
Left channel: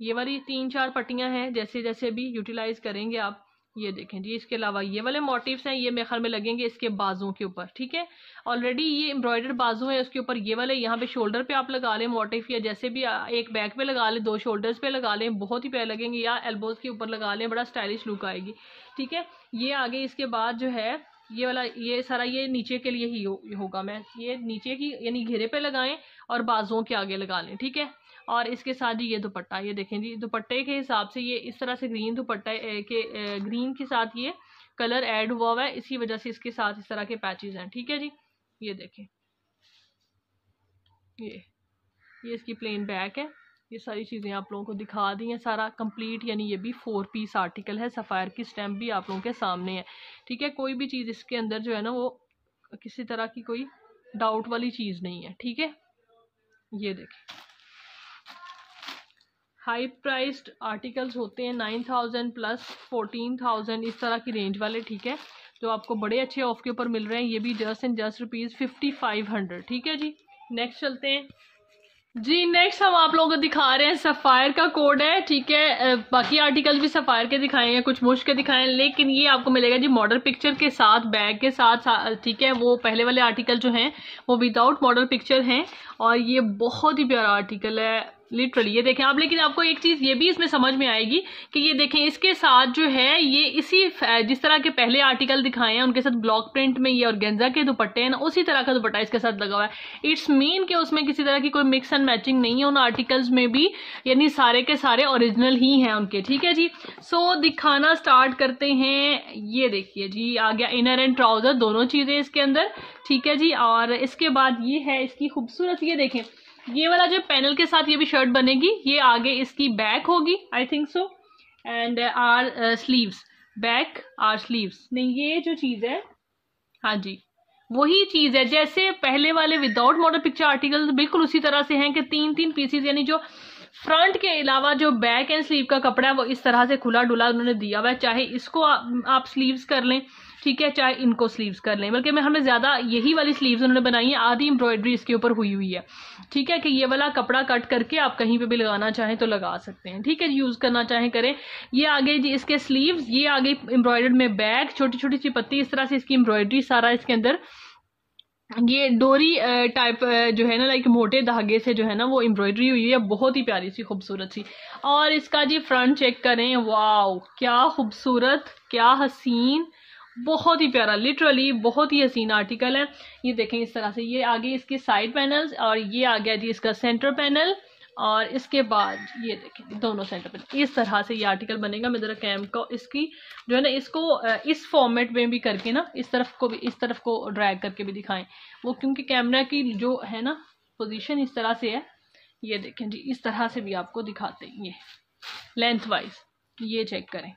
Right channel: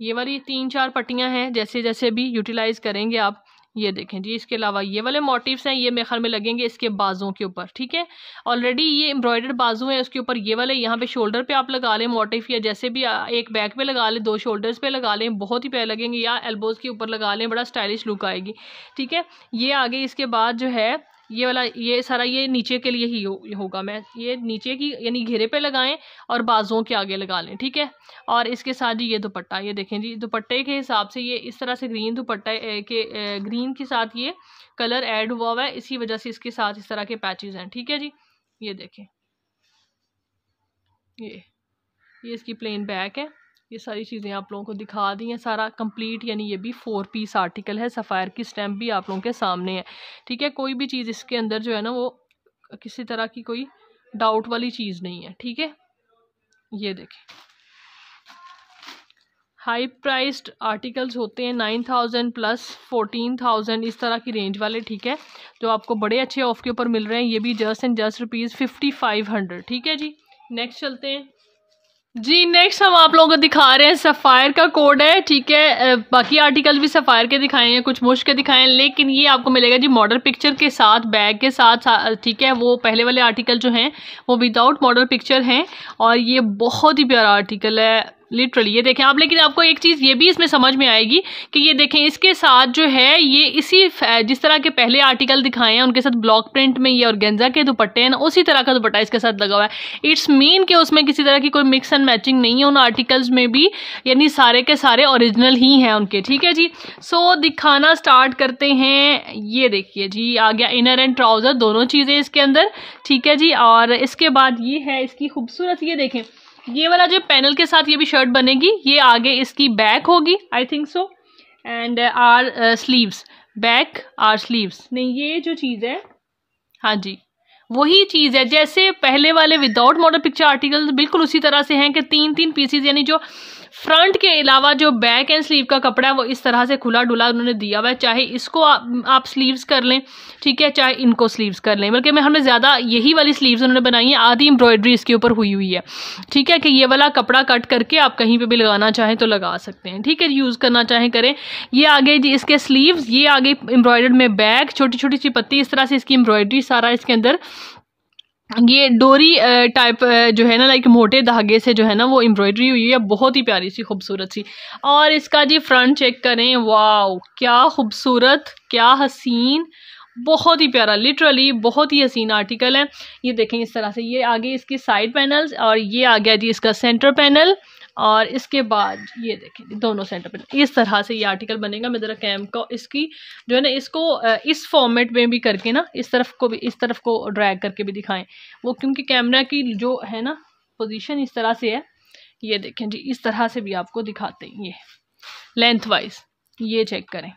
ये वाली 3-4 पट्टियाँ हैं, जैसे जैसे भी यूटिलाइज़ करेंगे आप। ये देखें जी, इसके अलावा ये वाले मोटिव्स हैं, ये मेरे ख्याल में लगेंगे इसके बाजुओं के ऊपर। ठीक है, ऑलरेडी ये एम्ब्रॉयडर्ड बाजू है, उसके ऊपर ये वाले यहाँ पे शोल्डर पे आप लगा लें मोटिव, या जैसे भी एक बैक पे लगा लें, 2 शोल्डर्स पे लगा लें, बहुत ही प्यारे लगेंगे, या एल्बोज़ के ऊपर लगा लें, बड़ा स्टाइलिश लुक आएगी। ठीक है, ये आगे इसके बाद जो है ये वाला, ये सारा ये नीचे के लिए ही होगा। मैं ये नीचे की यानी घेरे पे लगाएं और बाजुओं के आगे लगा लें। ठीक है, और इसके साथ ही ये दुपट्टा, ये देखें जी, दुपट्टे के हिसाब से ये इस तरह से ग्रीन दुपट्टा के ग्रीन के साथ ये कलर ऐड हुआ है, इसी वजह से इसके साथ इस तरह के पैचेस हैं। ठीक है जी, ये देखें, ये इसकी प्लेन बैक है। ये सारी चीज़ें आप लोगों को दिखा दी हैं, सारा कंप्लीट, यानी ये भी 4 पीस आर्टिकल है, सफ़ायर की स्टैम्प भी आप लोगों के सामने है। ठीक है, कोई भी चीज़ इसके अंदर जो है ना वो किसी तरह की कोई डाउट वाली चीज़ नहीं है। ठीक है, ये देखें, हाई प्राइस्ड आर्टिकल्स होते हैं 9000 प्लस 14000 इस तरह की रेंज वाले। ठीक है, जो आपको बड़े अच्छे ऑफ के ऊपर मिल रहे हैं, ये भी जस्ट एंड जस्ट रुपीज़ 5500। ठीक है जी, नेक्स्ट चलते हैं। जी नेक्स्ट हम आप लोगों को दिखा रहे हैं सफ़ायर का कोड है, ठीक है। बाकी आर्टिकल भी सफ़ायर के दिखाए हैं, कुछ मुश्क के दिखाए हैं, लेकिन ये आपको मिलेगा जी मॉडल पिक्चर के साथ, बैग के साथ, ठीक है। वो पहले वाले आर्टिकल जो हैं वो विदाउट मॉडल पिक्चर हैं, और ये बहुत ही प्यारा आर्टिकल है लिटरली। ये देखें आप, लेकिन आपको एक चीज़ ये भी इसमें समझ में आएगी कि ये देखें इसके साथ जो है ये इसी जिस तरह के पहले आर्टिकल दिखाए हैं उनके साथ ब्लॉक प्रिंट में ये ऑर्गेन्जा के दुपट्टे हैं ना, उसी तरह का दुपट्टा इसके साथ लगा हुआ है। इट्स मीन कि उसमें किसी तरह की कोई मिक्स एंड मैचिंग नहीं है उन आर्टिकल्स में भी, यानी सारे के सारे ओरिजिनल ही हैं उनके, ठीक है जी। सो दिखाना स्टार्ट करते हैं। ये देखिए जी आ गया इनर एंड ट्राउज़र, दोनों चीज़ें इसके अंदर, ठीक है जी। और इसके बाद ये है इसकी खूबसूरत, ये देखें ये वाला जो पैनल के साथ ये भी शर्ट बनेगी, ये आगे इसकी बैक होगी I think so, and or sleeves, back or sleeves, नहीं ये जो चीज़ है, हाँ जी वही चीज़ है जैसे पहले वाले विदाउट मॉडल पिक्चर आर्टिकल बिल्कुल उसी तरह से हैं कि 3-3 पीसीज, यानी जो फ्रंट के अलावा जो बैक एंड स्लीव का कपड़ा है वो इस तरह से खुला डुला उन्होंने दिया हुआ है। चाहे इसको आप स्लीव्स कर लें, ठीक है, चाहे इनको स्लीव्स कर लें, बल्कि मैं हमें ज़्यादा यही वाली स्लीव्स उन्होंने बनाई है, आधी एम्ब्रॉयडरी इसके ऊपर हुई हुई है, ठीक है। कि ये वाला कपड़ा कट करके आप कहीं पे भी लगाना चाहें तो लगा सकते हैं, ठीक है, यूज़ करना चाहें करें। ये आगे जी इसके स्लीव्स, ये आगे एम्ब्रॉयडर्ड में बैक, छोटी छोटी सी पत्ती, इस तरह से इसकी एम्ब्रॉयडरी सारा इसके अंदर, ये डोरी टाइप जो है ना, लाइक मोटे धागे से जो है ना वो एम्ब्रॉयडरी हुई है, बहुत ही प्यारी सी खूबसूरत सी। और इसका जी फ्रंट चेक करें, वाओ क्या खूबसूरत, क्या हसीन, बहुत ही प्यारा, लिटरली बहुत ही हसीन आर्टिकल है। ये देखें इस तरह से, ये आगे इसके साइड पैनल्स, और ये आ गया जी इसका सेंटर पैनल, और इसके बाद ये देखें दोनों सेंटर पैनल, इस तरह से ये आर्टिकल बनेगा। मैं ज़रा कैम को इसकी जो है ना इसको इस फॉर्मेट में भी करके ना, इस तरफ को भी, इस तरफ को ड्रैग करके भी दिखाएं वो, क्योंकि कैमरा की जो है ना पोजीशन इस तरह से है। ये देखें जी इस तरह से भी आपको दिखाते हैं, ये लेंथ वाइज, ये चेक करें,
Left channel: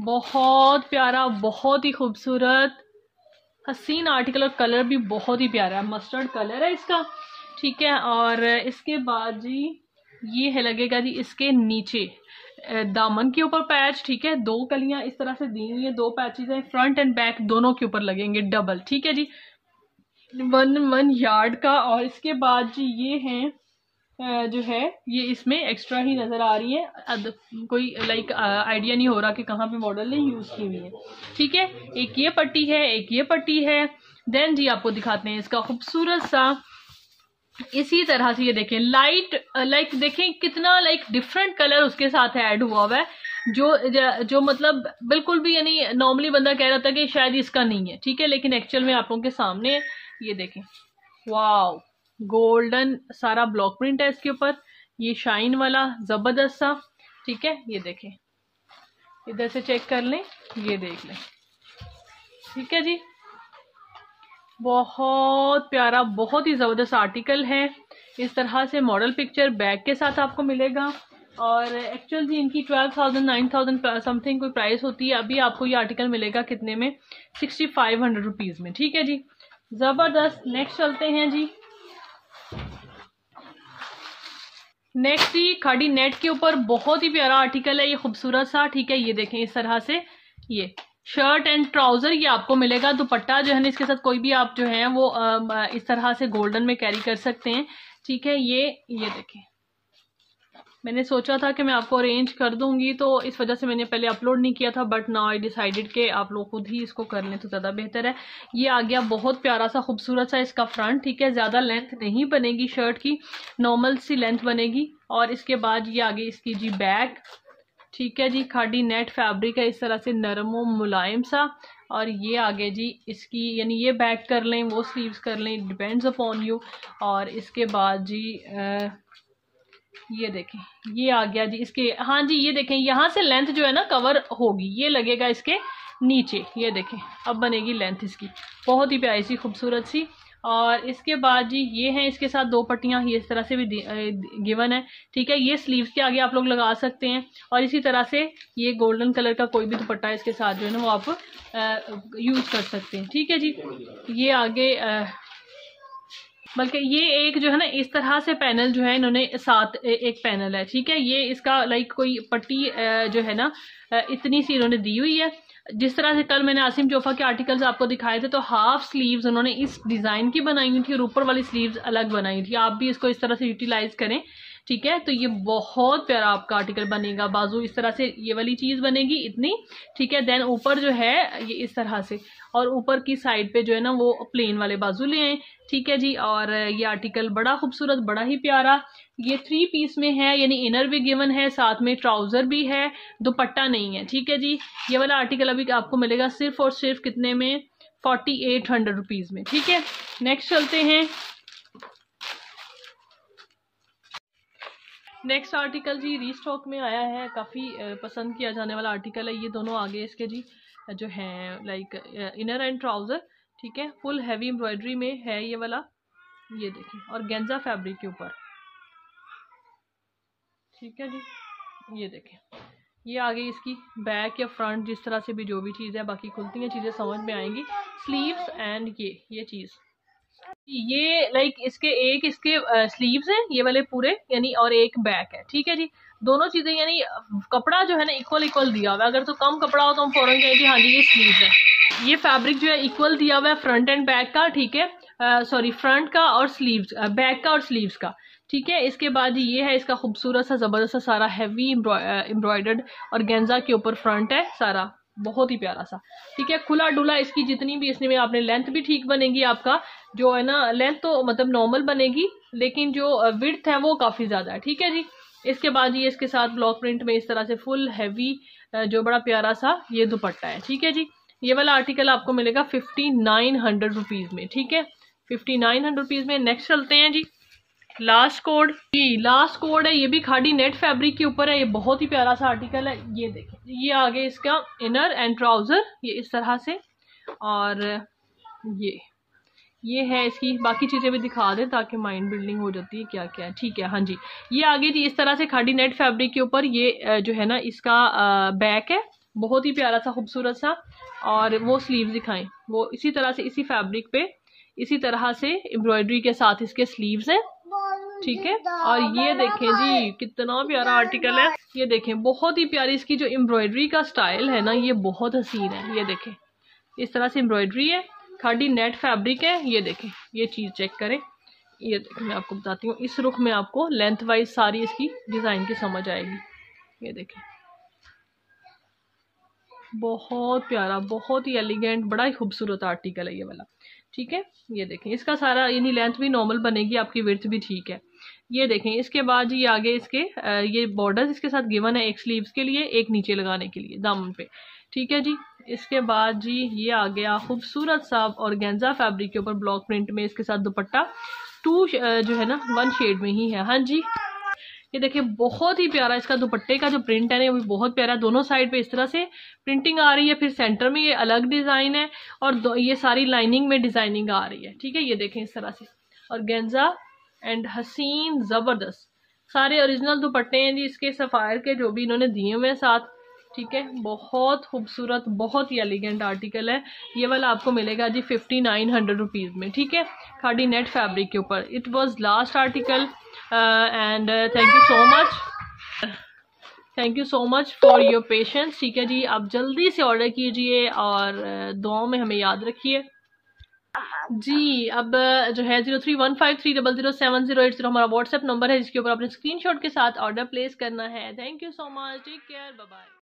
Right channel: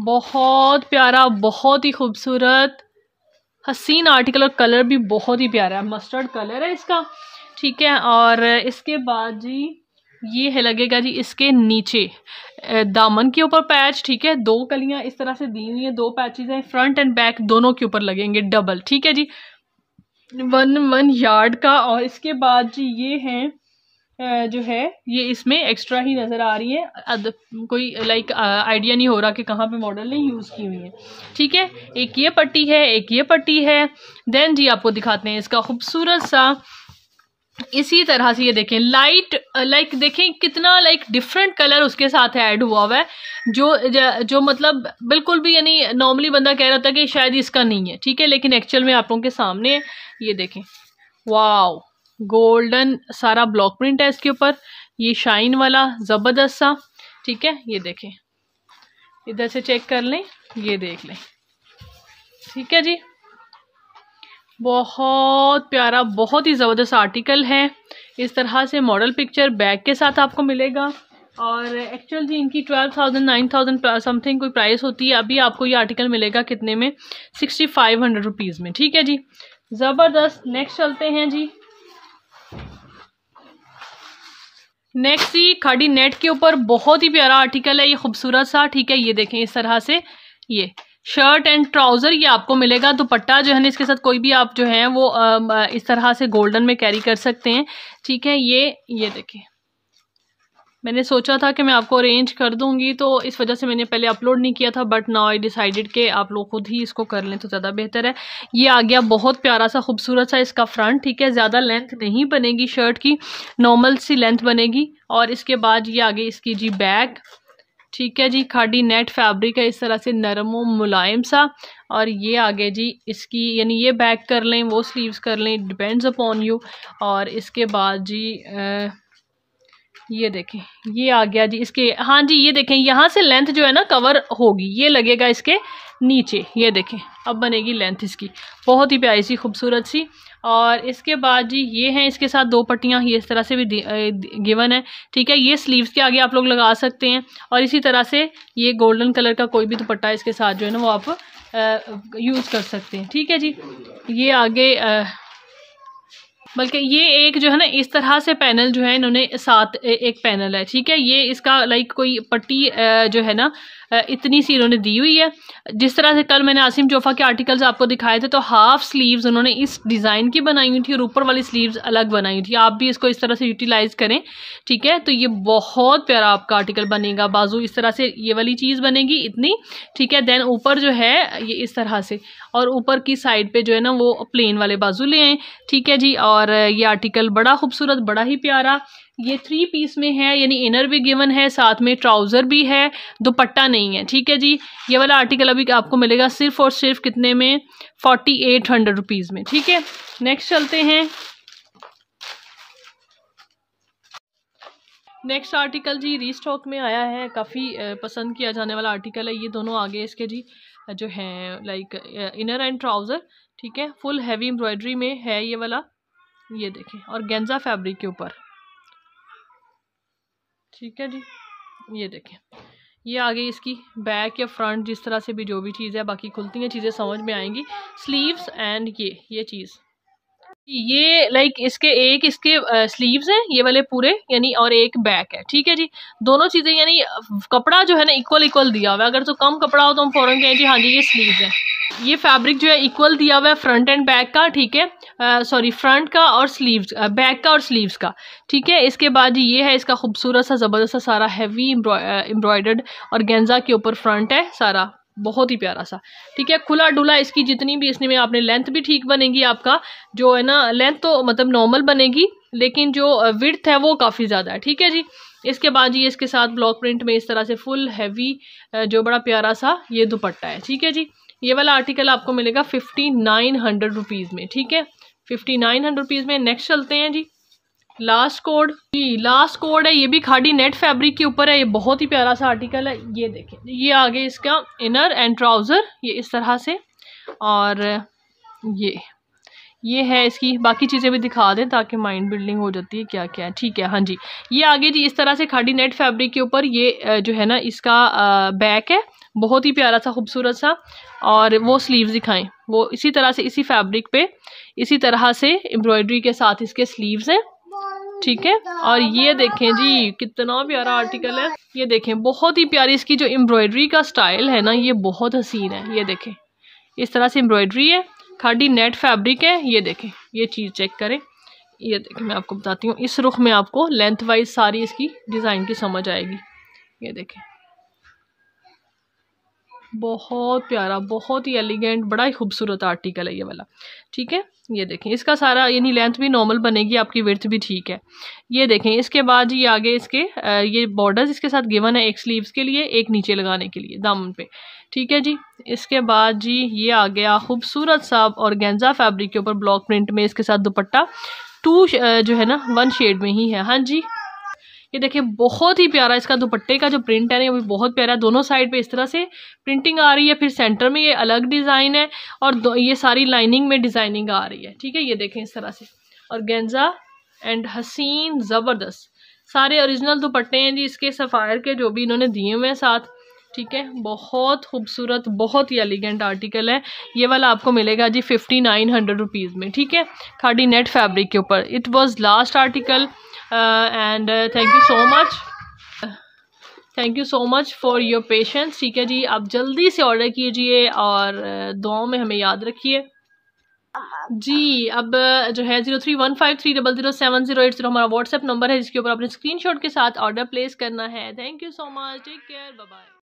बहुत प्यारा, बहुत ही खूबसूरत हसीन आर्टिकल, और कलर भी बहुत ही प्यारा है, मस्टर्ड कलर है इसका, ठीक है। और इसके बाद जी ये है लगेगा जी इसके नीचे दामन के ऊपर पैच, ठीक है, 2 कलियां इस तरह से दी हुई है, 2 पैचेस हैं, फ्रंट एंड बैक दोनों के ऊपर लगेंगे डबल, ठीक है जी, 1 यार्ड का। और इसके बाद जी ये हैं जो है ये इसमें एक्स्ट्रा ही नज़र आ रही है, कोई लाइक आइडिया नहीं हो रहा कि कहाँ पे मॉडल ने यूज़ की हुई है, ठीक है। एक ये पट्टी है, एक ये पट्टी है। देन जी आपको दिखाते हैं इसका खूबसूरत सा, इसी तरह से ये देखें लाइट, लाइक देखें कितना लाइक डिफरेंट कलर उसके साथ ऐड हुआ है, जो मतलब बिल्कुल भी, यानी नॉर्मली बंदा कह रहा था कि शायद इसका नहीं है, ठीक है, लेकिन एक्चुअल में आप लोगों के सामने है। ये देखें वाओ, गोल्डन सारा ब्लॉक प्रिंट है इसके ऊपर, ये शाइन वाला ज़बरदस्त सा, ठीक है। ये देखें इधर से चेक कर लें, ये देख लें, ठीक है जी, बहुत प्यारा, बहुत ही ज़बरदस्त आर्टिकल है। इस तरह से मॉडल पिक्चर बैग के साथ आपको मिलेगा, और एक्चुअल जी इनकी 12,000 9,000 समथिंग कोई प्राइस होती है। अभी आपको ये आर्टिकल मिलेगा कितने में, 6,500 रुपीज़ में, ठीक है जी, ज़बरदस्त। नेक्स्ट चलते हैं जी, नेक्स्ट जी खाड़ी नेट के ऊपर बहुत ही प्यारा आर्टिकल है, ये खूबसूरत सा, ठीक है। ये देखें इस तरह से ये शर्ट एंड ट्राउज़र ये आपको मिलेगा, दुपट्टा जो है ना इसके साथ कोई भी आप जो है वो इस तरह से गोल्डन में कैरी कर सकते हैं, ठीक है। ये देखें, मैंने सोचा था कि मैं आपको अरेंज कर दूंगी, तो इस वजह से मैंने पहले अपलोड नहीं किया था, बट नाउ आई डिसाइडेड कि आप लोग खुद ही इसको कर लें तो ज़्यादा बेहतर है। ये आ गया बहुत प्यारा सा खूबसूरत सा इसका फ्रंट, ठीक है, ज़्यादा लेंथ नहीं बनेगी शर्ट की, नॉर्मल सी लेंथ बनेगी। और इसके बाद ये आगे इसकी जी बैक, ठीक है जी, खाड़ी नेट फैब्रिक है, इस तरह से नरम व मुलायम सा। और ये आगे जी इसकी, यानी ये बैक कर लें, वो स्लीव्स कर लें, डिपेंड्स अपॉन यू। और इसके बाद जी ये देखें ये आ गया जी इसके, हाँ जी ये देखें यहाँ से लेंथ जो है ना कवर होगी, ये लगेगा इसके नीचे, ये देखें अब बनेगी लेंथ इसकी, बहुत ही प्यारी सी खूबसूरत सी। और इसके बाद जी ये हैं इसके साथ 2 पट्टियाँ, ये इस तरह से भी गिवन है, ठीक है। ये स्लीव्स के आगे आप लोग लगा सकते हैं, और इसी तरह से ये गोल्डन कलर का कोई भी दुपट्टा इसके साथ जो है ना वो आप यूज़ कर सकते हैं, ठीक है जी। ये आगे बल्कि ये एक जो है ना इस तरह से पैनल जो है इन्होंने साथ एक पैनल है, ठीक है। ये इसका लाइक कोई पट्टी जो है ना इतनी सी इन्होंने दी हुई है। जिस तरह से कल मैंने आसिम जोफा के आर्टिकल्स आपको दिखाए थे, तो हाफ स्लीव्स उन्होंने इस डिज़ाइन की बनाई हुई थी और ऊपर वाली स्लीव्स अलग बनाई हुई थी। आप भी इसको इस तरह से यूटिलाइज करें, ठीक है। तो ये बहुत प्यारा आपका आर्टिकल बनेगा। बाजू इस तरह से ये वाली चीज़ बनेगी इतनी, ठीक है। देन ऊपर जो है ये इस तरह से, और ऊपर की साइड पे जो है ना वो प्लेन वाले बाजू ले आए, ठीक है जी। और ये आर्टिकल बड़ा खूबसूरत, बड़ा ही प्यारा। ये 3 पीस में है, यानी इनर भी गिवन है, साथ में ट्राउज़र भी है, दुपट्टा नहीं है, ठीक है जी। ये वाला आर्टिकल अभी आपको मिलेगा सिर्फ और सिर्फ कितने में, 4800 रुपीज़ में, ठीक है। नेक्स्ट चलते हैं। नेक्स्ट आर्टिकल जी रीस्टॉक में आया है, काफ़ी पसंद किया जाने वाला आर्टिकल है। ये दोनों आगे इसके जी जो हैं लाइक इनर एंड ट्राउज़र, ठीक है। फुल हैवी एम्ब्रॉयडरी में है ये वाला, ये देखें, और गेंजा फैब्रिक के ऊपर, ठीक है जी। ये देखें, ये आगे इसकी बैक या फ्रंट जिस तरह से भी जो भी चीज़ है, बाकी खुलती हैं चीज़ें समझ में आएंगी। स्लीव्स एंड ये चीज़, ये लाइक इसके स्लीव्स हैं ये वाले पूरे, यानी और एक बैक है, ठीक है जी। दोनों चीज़ें यानी कपड़ा जो है ना इक्वल दिया हुआ है। अगर तो कम कपड़ा हो तो हम फ़ौरन कहें जी हाँ जी ये स्लीव्स है। ये फैब्रिक जो है इक्वल दिया हुआ है फ्रंट एंड बैक का, ठीक है। सॉरी, फ्रंट का और स्लीव्स, बैक का और स्लीव्स का, ठीक है। इसके बाद ये है इसका खूबसूरत सा ज़बरदस्त सा सारा हैवी एम्ब्रॉयडर्ड और गेंजा के ऊपर फ्रंट है सारा, बहुत ही प्यारा सा, ठीक है। खुला डुला इसकी जितनी भी इसमें आपने लेंथ भी ठीक बनेगी, आपका जो है ना लेंथ तो मतलब नॉर्मल बनेगी, लेकिन जो विड्थ है वो काफ़ी ज़्यादा है, ठीक है जी। इसके बाद ये इसके साथ ब्लॉक प्रिंट में इस तरह से फुल हैवी जो बड़ा प्यारा सा ये दुपट्टा है, ठीक है जी। ये वाला आर्टिकल आपको मिलेगा 5900 रुपीज़ में, ठीक है, 5900 रुपीज़ में। नेक्स्ट चलते हैं जी। लास्ट कोड है, ये भी खादी नेट फैब्रिक के ऊपर है। ये बहुत ही प्यारा सा आर्टिकल है। ये देखें, ये आगे इसका इनर एंड ट्राउज़र ये इस तरह से, और ये है इसकी बाकी चीज़ें भी दिखा दें ताकि माइंड बिल्डिंग हो जाती है क्या क्या है, ठीक है। हाँ जी, ये आगे जी इस तरह से खादी नेट फैब्रिक के ऊपर ये जो है ना इसका बैक है, बहुत ही प्यारा सा खूबसूरत सा। और वो स्लीव्स दिखाएं, वो इसी तरह से इसी फैब्रिक पे इसी तरह से एम्ब्रॉयडरी के साथ इसके स्लीव्स हैं, ठीक है। और ये देखें जी कितना प्यारा आर्टिकल है। ये देखें बहुत ही प्यारी इसकी जो एम्ब्रॉयडरी का स्टाइल है ना, ये बहुत हसीन है। ये देखें इस तरह से एम्ब्रॉयडरी है, खादी नेट फैब्रिक है। ये देखें, ये चीज़ चेक करें, ये देखें, मैं आपको बताती हूँ। इस रुख में आपको लेंथ वाइज सारी इसकी डिज़ाइन की समझ आएगी। ये देखें, बहुत प्यारा, बहुत ही एलिगेंट, बड़ा ही खूबसूरत आर्टिकल है ये वाला, ठीक है। ये देखें इसका सारा यानी लेंथ भी नॉर्मल बनेगी, आपकी विड्थ भी ठीक है। ये देखें इसके बाद ये आगे इसके ये बॉर्डर्स इसके साथ गिवन है, एक स्लीव्स के लिए, एक नीचे लगाने के लिए दामन पे, ठीक है जी। इसके बाद जी ये आ गया खूबसूरत सा ऑर्गेन्जा फैब्रिक के ऊपर ब्लॉक प्रिंट में इसके साथ दुपट्टा, जो है ना 1 शेड में ही है। हाँ जी, ये देखिए बहुत ही प्यारा इसका दुपट्टे का जो प्रिंट है ना, वो भी बहुत प्यारा है। दोनों साइड पे इस तरह से प्रिंटिंग आ रही है, फिर सेंटर में ये अलग डिज़ाइन है, और ये सारी लाइनिंग में डिज़ाइनिंग आ रही है, ठीक है। ये देखें इस तरह से, और गेंजा एंड हसीन ज़बरदस्त सारे ओरिजिनल दुपट्टे हैं जी इसके, सफ़ायर के जो भी इन्होंने दिए हुए हैं साथ, ठीक है। बहुत खूबसूरत, बहुत ही एलिगेंट आर्टिकल है। ये वाला आपको मिलेगा जी 5900 रुपीज़ में, ठीक है, खादी नेट फैब्रिक के ऊपर। It was last article and thank you so much for your patience, ठीक है जी। आप जल्दी से ऑर्डर कीजिए और दुआओं में हमें याद रखिए जी। अब जो है 0315300708 हमारा व्हाट्सएप नंबर है, जिसके ऊपर अपने स्क्रीनशॉट के साथ ऑर्डर प्लेस करना है। Thank you so much, take care, bye bye.